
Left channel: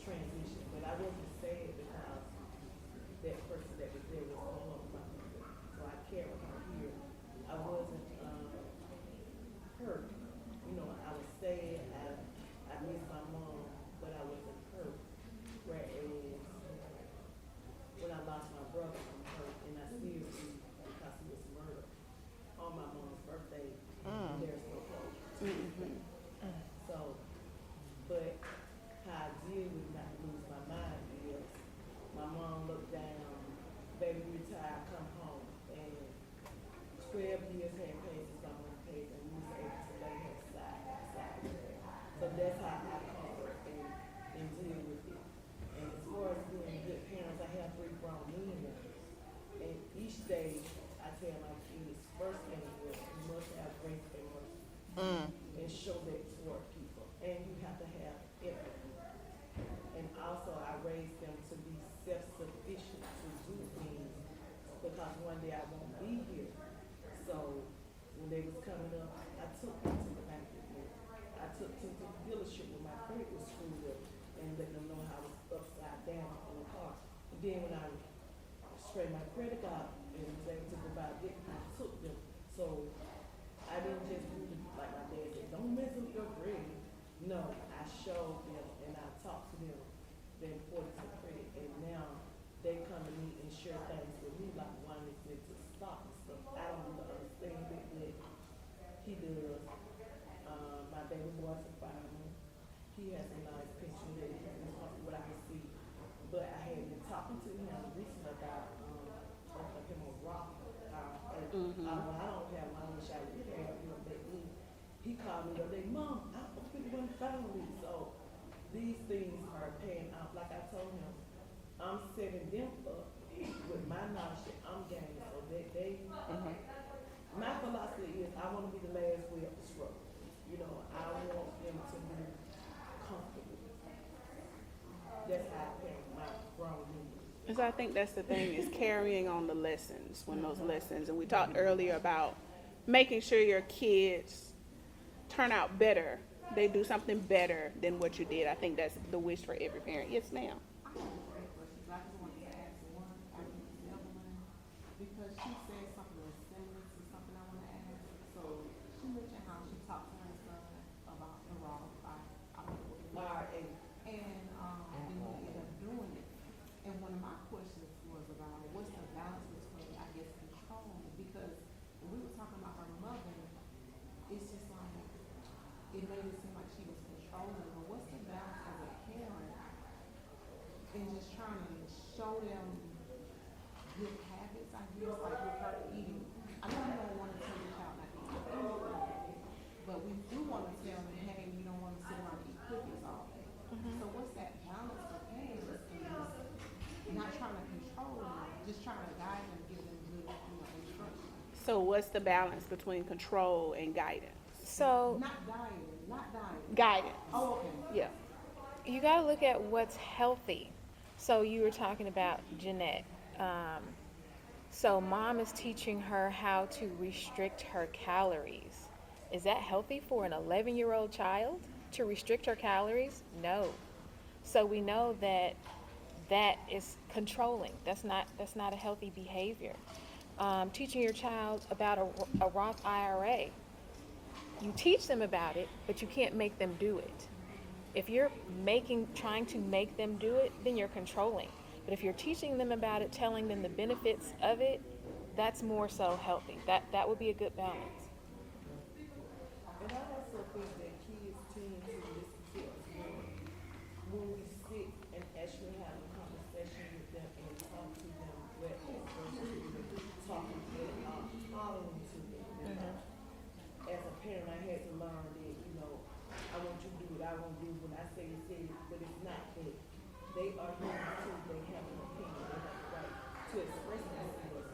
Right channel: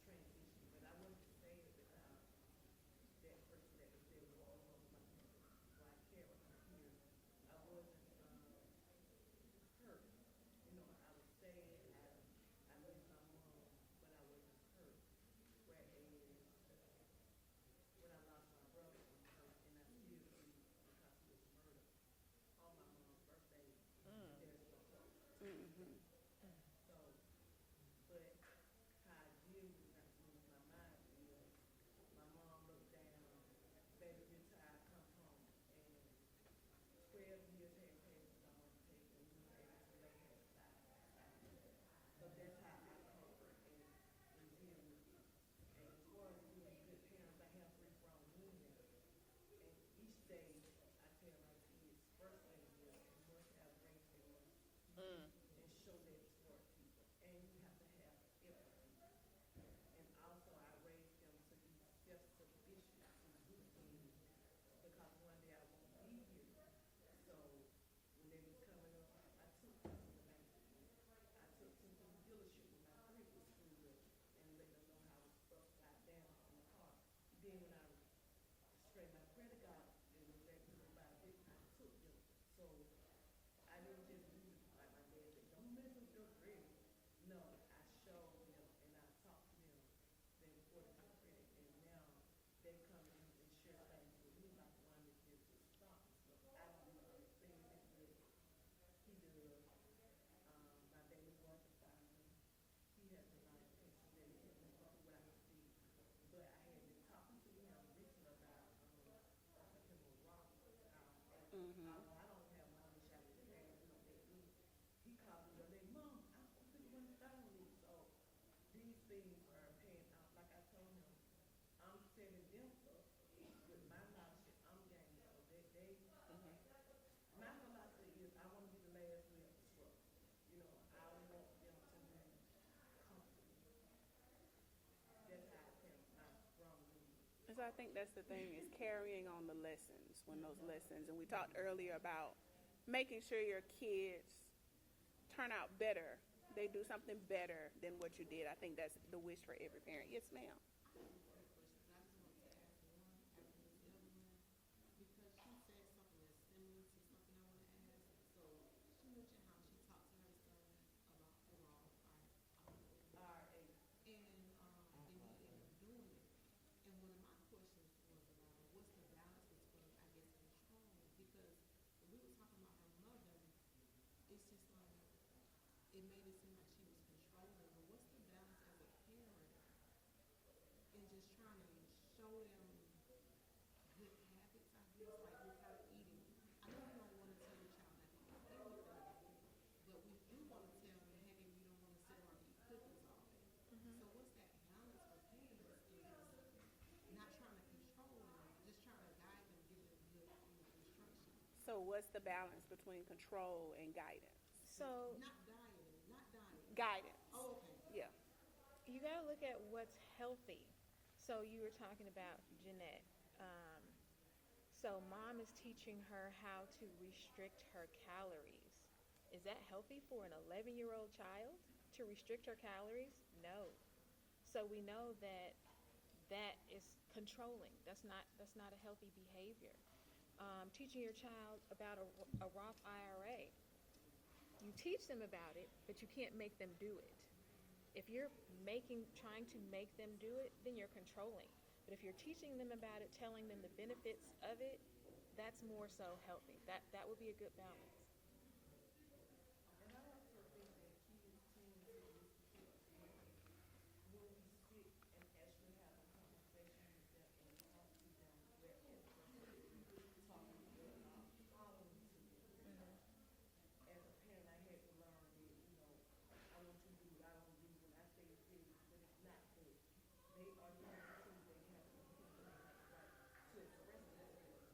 transitioned. But I wasn't sad because that person that was there was no longer my mother. So I carried her here. I wasn't hurt. You know, I was sad. I missed my mom, but I wasn't hurt. Whereas when I lost my brother, I'm hurt, and I still do because he was murdered on my mom's birthday. And there's no closure. So, but how I deal with not to lose my mind is my mom looked down, baby retired, come home, and 12 years had passed since my mom passed, and we was able to lay her side by side with her. So that's how I comfort and deal with it. And as far as being good parents, I have 3 grown men now. And each day I tell my kids, first thing is you must have grace and mercy and show that toward people. And you have to have empathy. And also I raised them to be self-sufficient to do things because one day I won't be here. So when they was coming up, I took them to the bank with me. I took them to the dealership when my credit was screwed up and let them know how I was upside down in the car. And then when I straightened my credit out and was able to go buy a gift, I took them. So I didn't just do it like my dad said, don't mess up your credit. No, I showed them and I talked to them the importance of credit. And now they come to me and share things with me, like one is into stock and stuff. I don't even understand it, but he does. My baby boy's a fireman. He has a nice pension that he can what I can see. But I had been talking to him recently about offering him a rock. When I don't have one, I wish I would have, you know, but he called me the other day, Mom, I opened one finally. So these things are paying off. Like I told him, I'm setting them up with my knowledge that I'm gaining so that they, my philosophy is I want to be the last way up the struggle. You know, I want them to be comfortable. That's how I parent my grown men. And so I think that's the thing is carrying on the lessons when those lessons, and we talked earlier about making sure your kids turn out better. They do something better than what you did. I think that's the wish for every parent. Yes, ma'am. I just wanted to ask one, after the other one, because she said something similar to something I want to ask. So she mentioned how she talked to her son about the raw and he ended up doing it. And one of my questions was about what's the balance between, I guess, control, because when we were talking about her mother, it's just like it made it seem like she was controlling. But what's the balance as a parent and just trying to show them good habits, I guess, like with her eating. I know you don't want to tell your child not to eat anything, but we do want to tell them, hey, we don't want to sit around and eat cookies all day. So what's that balance for parents and just not trying to control them, just trying to guide them, give them good, instruction. So what's the balance between control and guidance? So Not dying. Guidance. Oh, okay. Yeah. you got to look at what's healthy. So you were talking about Jeanette. So mom is teaching her how to restrict her calories. Is that healthy for an 11-year-old child to restrict her calories? No. So we know that that is controlling. That's not a healthy behavior. Teaching your child about a Roth IRA. You teach them about it, but you can't make them do it. If you're trying to make them do it, then you're controlling. But if you're teaching them about it, telling them the benefits of it, that's more so healthy. That would be a good balance. And I also think that kids tend to listen to us more when we sit and actually have a conversation with them and talk to them whereas versus talking and following to them. As a parent, I had to learn that, I want you to do what I want to do. When I say it, but it's not that. They are human too. They have an opinion. They have the right to express themselves.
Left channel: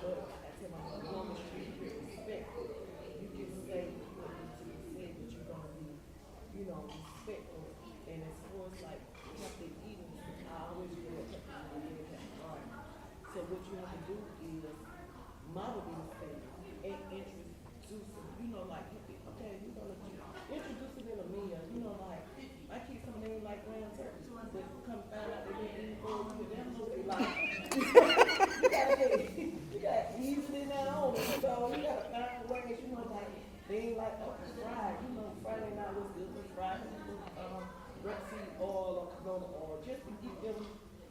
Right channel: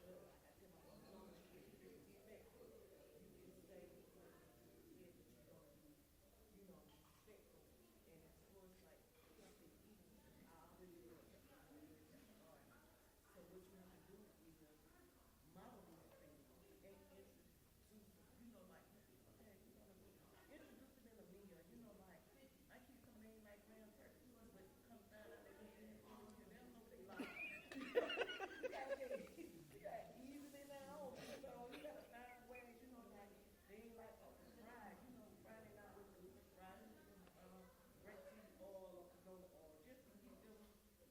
But I tell my mother, as long as you be respectful, you can say what needs to be said, but you're going to be, respectful. And as far as like healthy eating, I always feel that healthy eating is hard. So what you have to do is model these things and introduce them. Like, okay, introduce it in a meal. Like, my kids some of them like ground turkey, but come find out they didn't eat for a year. They don't know what they like. you gotta ease it in that home. So you gotta find ways, like they ain't like fried. Friday night was good for fried rapeseed oil or canola oil, just to get them.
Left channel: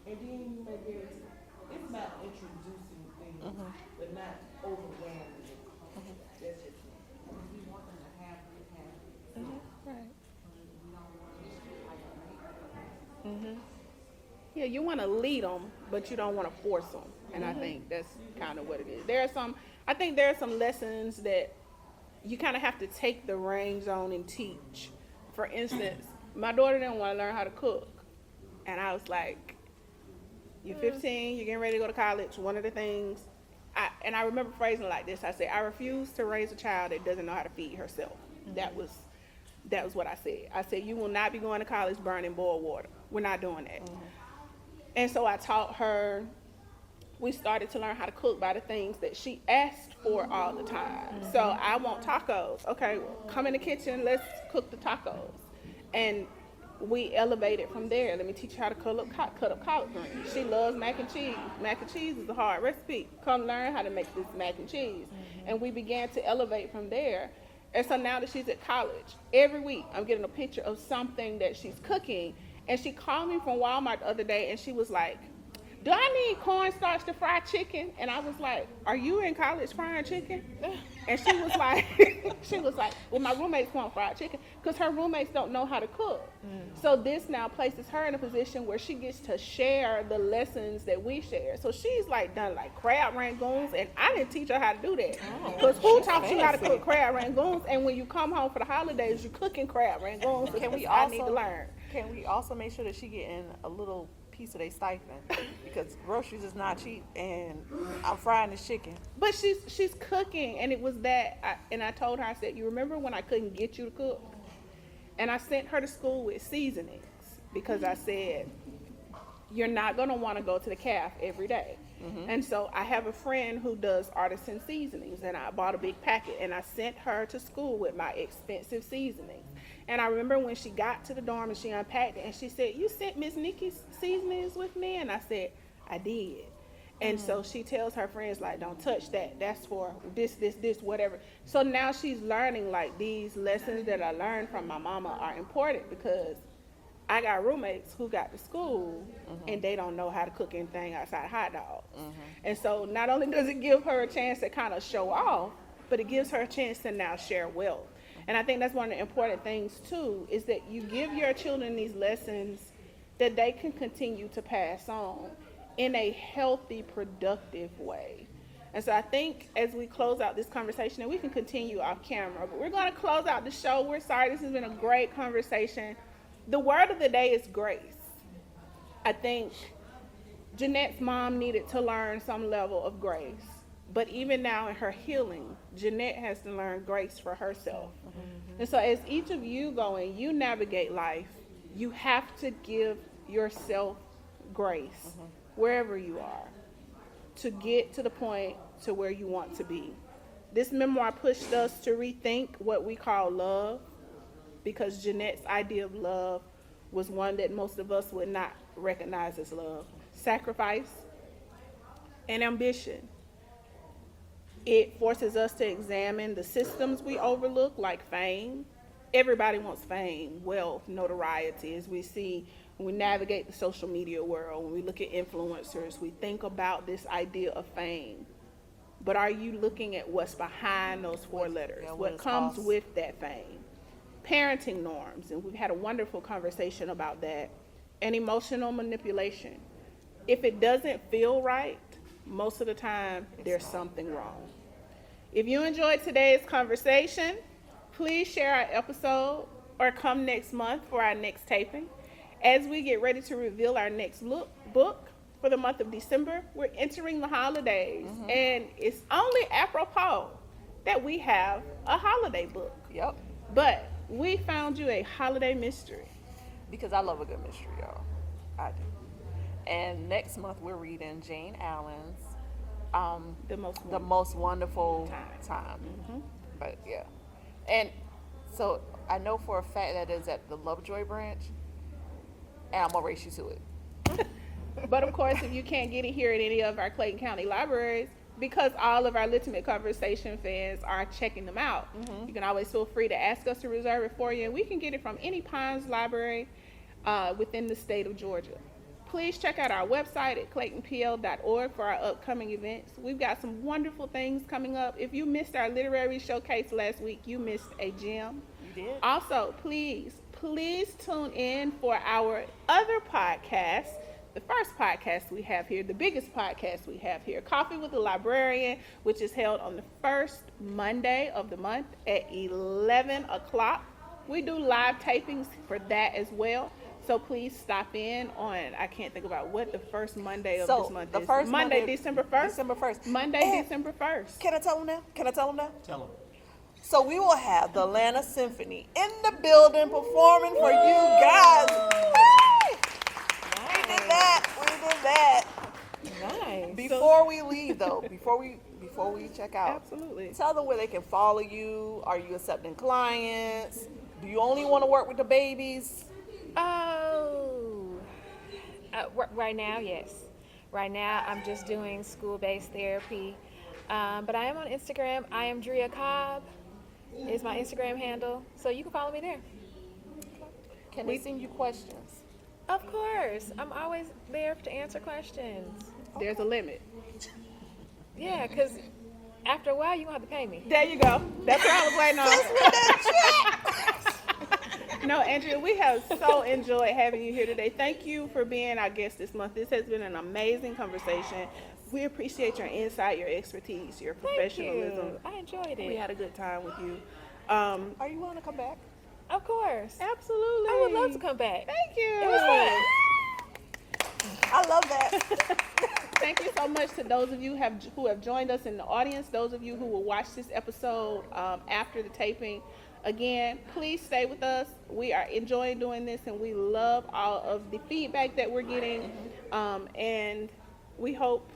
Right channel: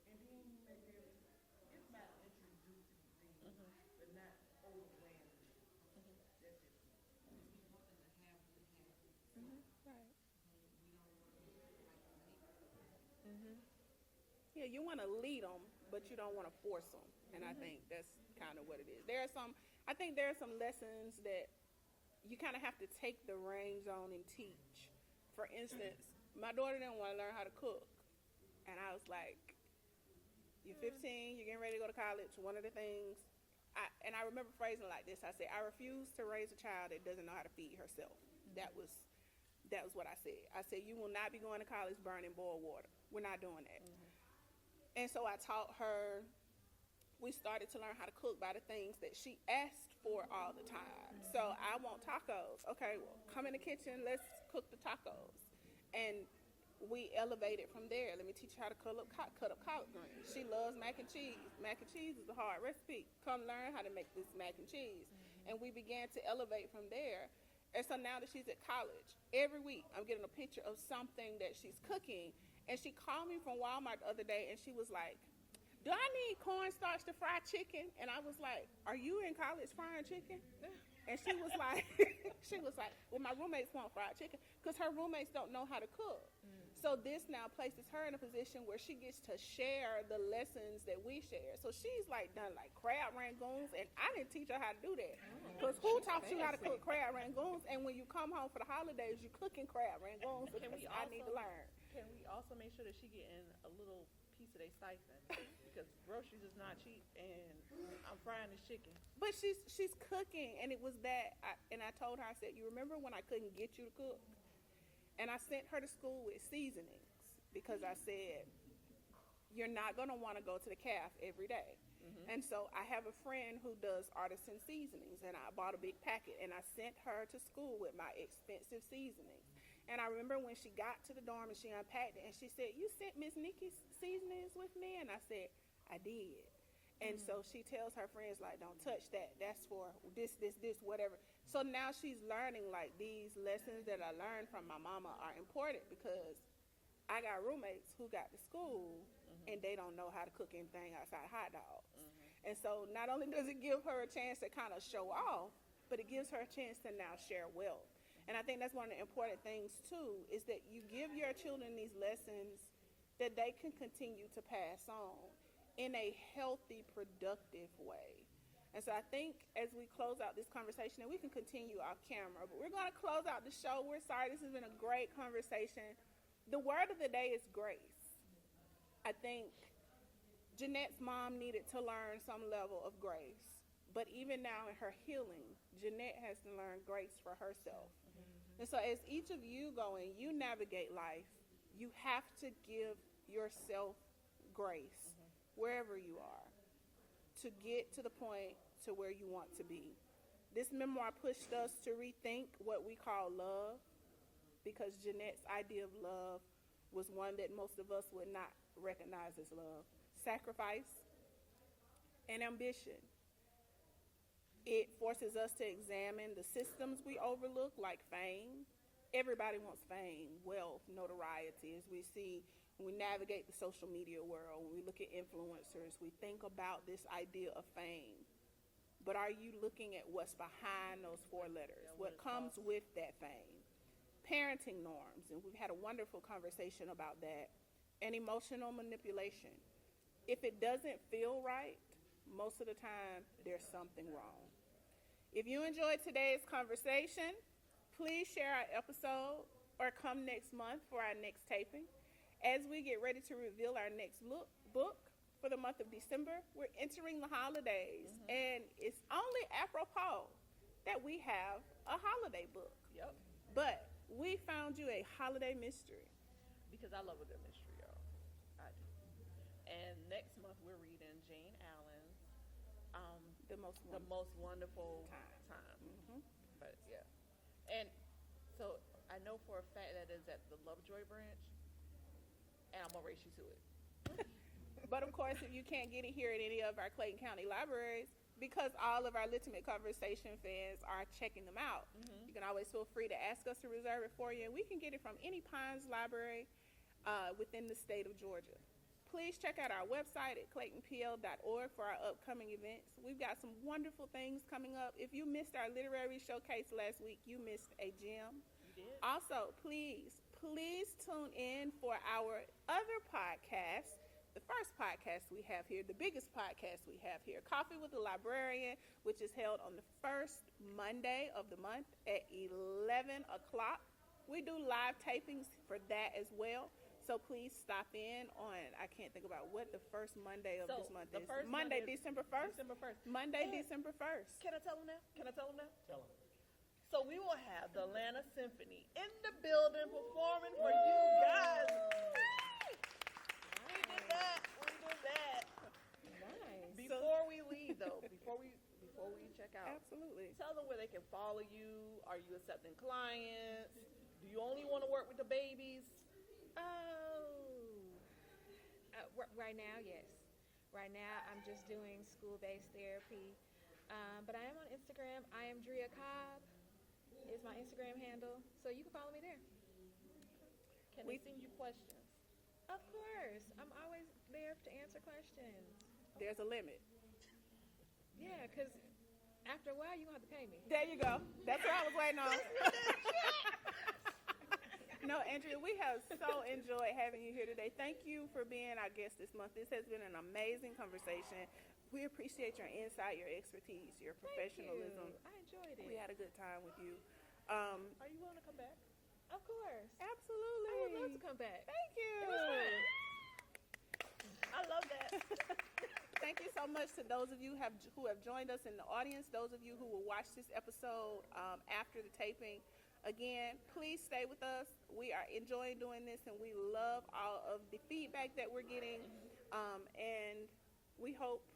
And then you may be able to. It's about introducing things, but not overwhelming it. That's just me. Yeah, you want to lead them, but you don't want to force them. And I think that's kind of what it is. I think there are some lessons that you kind of have to take the reins on and teach. For instance, my daughter didn't want to learn how to cook. And I was like, you're 15, you're getting ready to go to college. One of the things, I remember phrasing it like this. I said, I refuse to raise a child that doesn't know how to feed herself. That was what I said. I said, you will not be going to college burning boiled water. We're not doing that. And so I taught her, we started to learn how to cook by the things that she asked for all the time. So I want tacos. Okay, well, come in the kitchen, let's cook the tacos. And we elevated from there. Let me teach you how to cut up collard greens. She loves mac and cheese. Mac and cheese is a hard recipe. Come learn how to make this mac and cheese. And we began to elevate from there. And so now that she's at college, every week I'm getting a picture of something that she's cooking. And she called me from Walmart the other day and she was like, do I need cornstarch to fry chicken? And I was like, are you in college frying chicken? And she was like, well, my roommates want fried chicken because her roommates don't know how to cook. So this now places her in a position where she gets to share the lessons that we share. So she's like done like crab rangoons, and I didn't teach her how to do that. Because who taught you how to cook crab rangoons? And when you come home for the holidays, you're cooking crab rangoons. I need to learn. Can we also make sure that she getting a little piece of their stipend, because groceries is not cheap, and I'm frying this chicken. But she's cooking, and it was that. I told her, I said, you remember when I couldn't get you to cook? And I sent her to school with seasonings because I said, you're not going to want to go to the calf every day. And so I have a friend who does artisan seasonings, and I bought a big packet, and I sent her to school with my expensive seasonings. And I remember when she got to the dorm and she unpacked it, and she said, you sent Miss Nikki's seasonings with me? And I said, I did. And so she tells her friends, like, don't touch that. That's for this, whatever. So now she's learning, like, these lessons that I learned from my mama are important because I got roommates who got to school and they don't know how to cook anything outside hot dogs. And so not only does it give her a chance to kind of show off, but it gives her a chance to now share wealth. And I think that's one of the important things, too, is that you give your children these lessons that they can continue to pass on in a healthy, productive way. And so I think as we close out this conversation, and we can continue off camera, but we're going to close out the show. We're sorry. This has been a great conversation. The word of the day is grace. I think Jeanette's mom needed to learn some level of grace. But even now in her healing, Jeanette has to learn grace for herself. And so as each of you go and you navigate life, you have to give yourself grace wherever you are. to get to the point to where you want to be. This memoir pushed us to rethink what we call love, because Jeanette's idea of love was one that most of us would not recognize as love. Sacrifice and ambition. It forces us to examine the systems we overlook, like fame. Everybody wants fame, wealth, notoriety. As we see when we navigate the social media world, when we look at influencers, we think about this idea of fame. But are you looking at what's behind those four letters? Yeah, what What it comes costs. with that fame? Parenting norms, and we've had a wonderful conversation about that. And emotional manipulation. If it doesn't feel right, most of the time, there's something wrong. If you enjoyed today's conversation, please share our episode or come next month for our next taping. As we get ready to reveal our next book for the month of December, we're entering the holidays, and it's only apropos that we have a holiday book. Yep. But we found you a holiday mystery. Because I love a good mystery, y'all. I do. And next month we're reading Jane Allen's The Most Wonderful Time. But yeah. And so I know for a fact that is at the Lovejoy branch, and I'm gonna race you to it. But of course, if you can't get it here at any of our Clayton County libraries, because all of our Litimate Conversation fans are checking them out, you can always feel free to ask us to reserve it for you, and we can get it from any Pines library within the state of Georgia. Please check out our website at claytonpl.org for our upcoming events. We've got some wonderful things coming up. If you missed our literary showcase last week, you missed a gem. You did? Also, please tune in for our other podcast, the first podcast we have here, the biggest podcast we have here, Coffee with the Librarian, which is held on the first Monday of the month at 11 o'clock. We do live tapings for that as well. So please stop in on, I can't think about what the first Monday of this month the is. first Monday, December 1st? December 1st. Monday, And December 1st. Can I tell them now? Tell them. So we will have the Atlanta Symphony in the building performing for you guys. Hey! We did that. Nice. Before we leave though, before we check out, Absolutely. tell them where they can follow you. Are you accepting clients? Do you only want to work with the babies? Right now, yes. Right now, I'm just doing school-based therapy. But I am on Instagram. I am Andrea Cobb is my Instagram handle. So you can follow me there. Can they send you questions? Of course. I'm always there to answer questions. There's a limit. Yeah, because after a while, you're going to have to pay me. There you go. That's what I was waiting on. No, Andrea, we have so enjoyed having you here today. Thank you for being our guest this month. This has been an amazing conversation. We appreciate your insight, your expertise, your professionalism. Thank you. I enjoyed it. We had a good time with you. Are you willing to come back? Of course. Absolutely. I would love to come back. Thank you. It was fun. I love that. Thank you so much to those of you who have joined us in the audience, those of you who will watch this episode after the taping. Again, please stay with us. We are enjoying doing this, and we love all of the feedback that we're getting, and we hope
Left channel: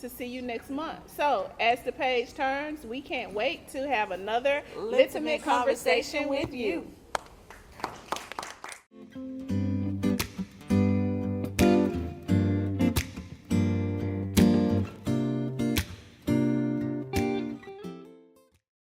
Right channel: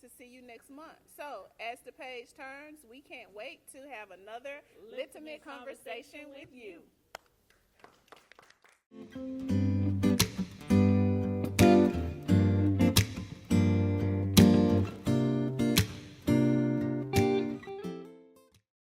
to see you next month. So, as the page turns, we can't wait to have another Litimate Conversation with you.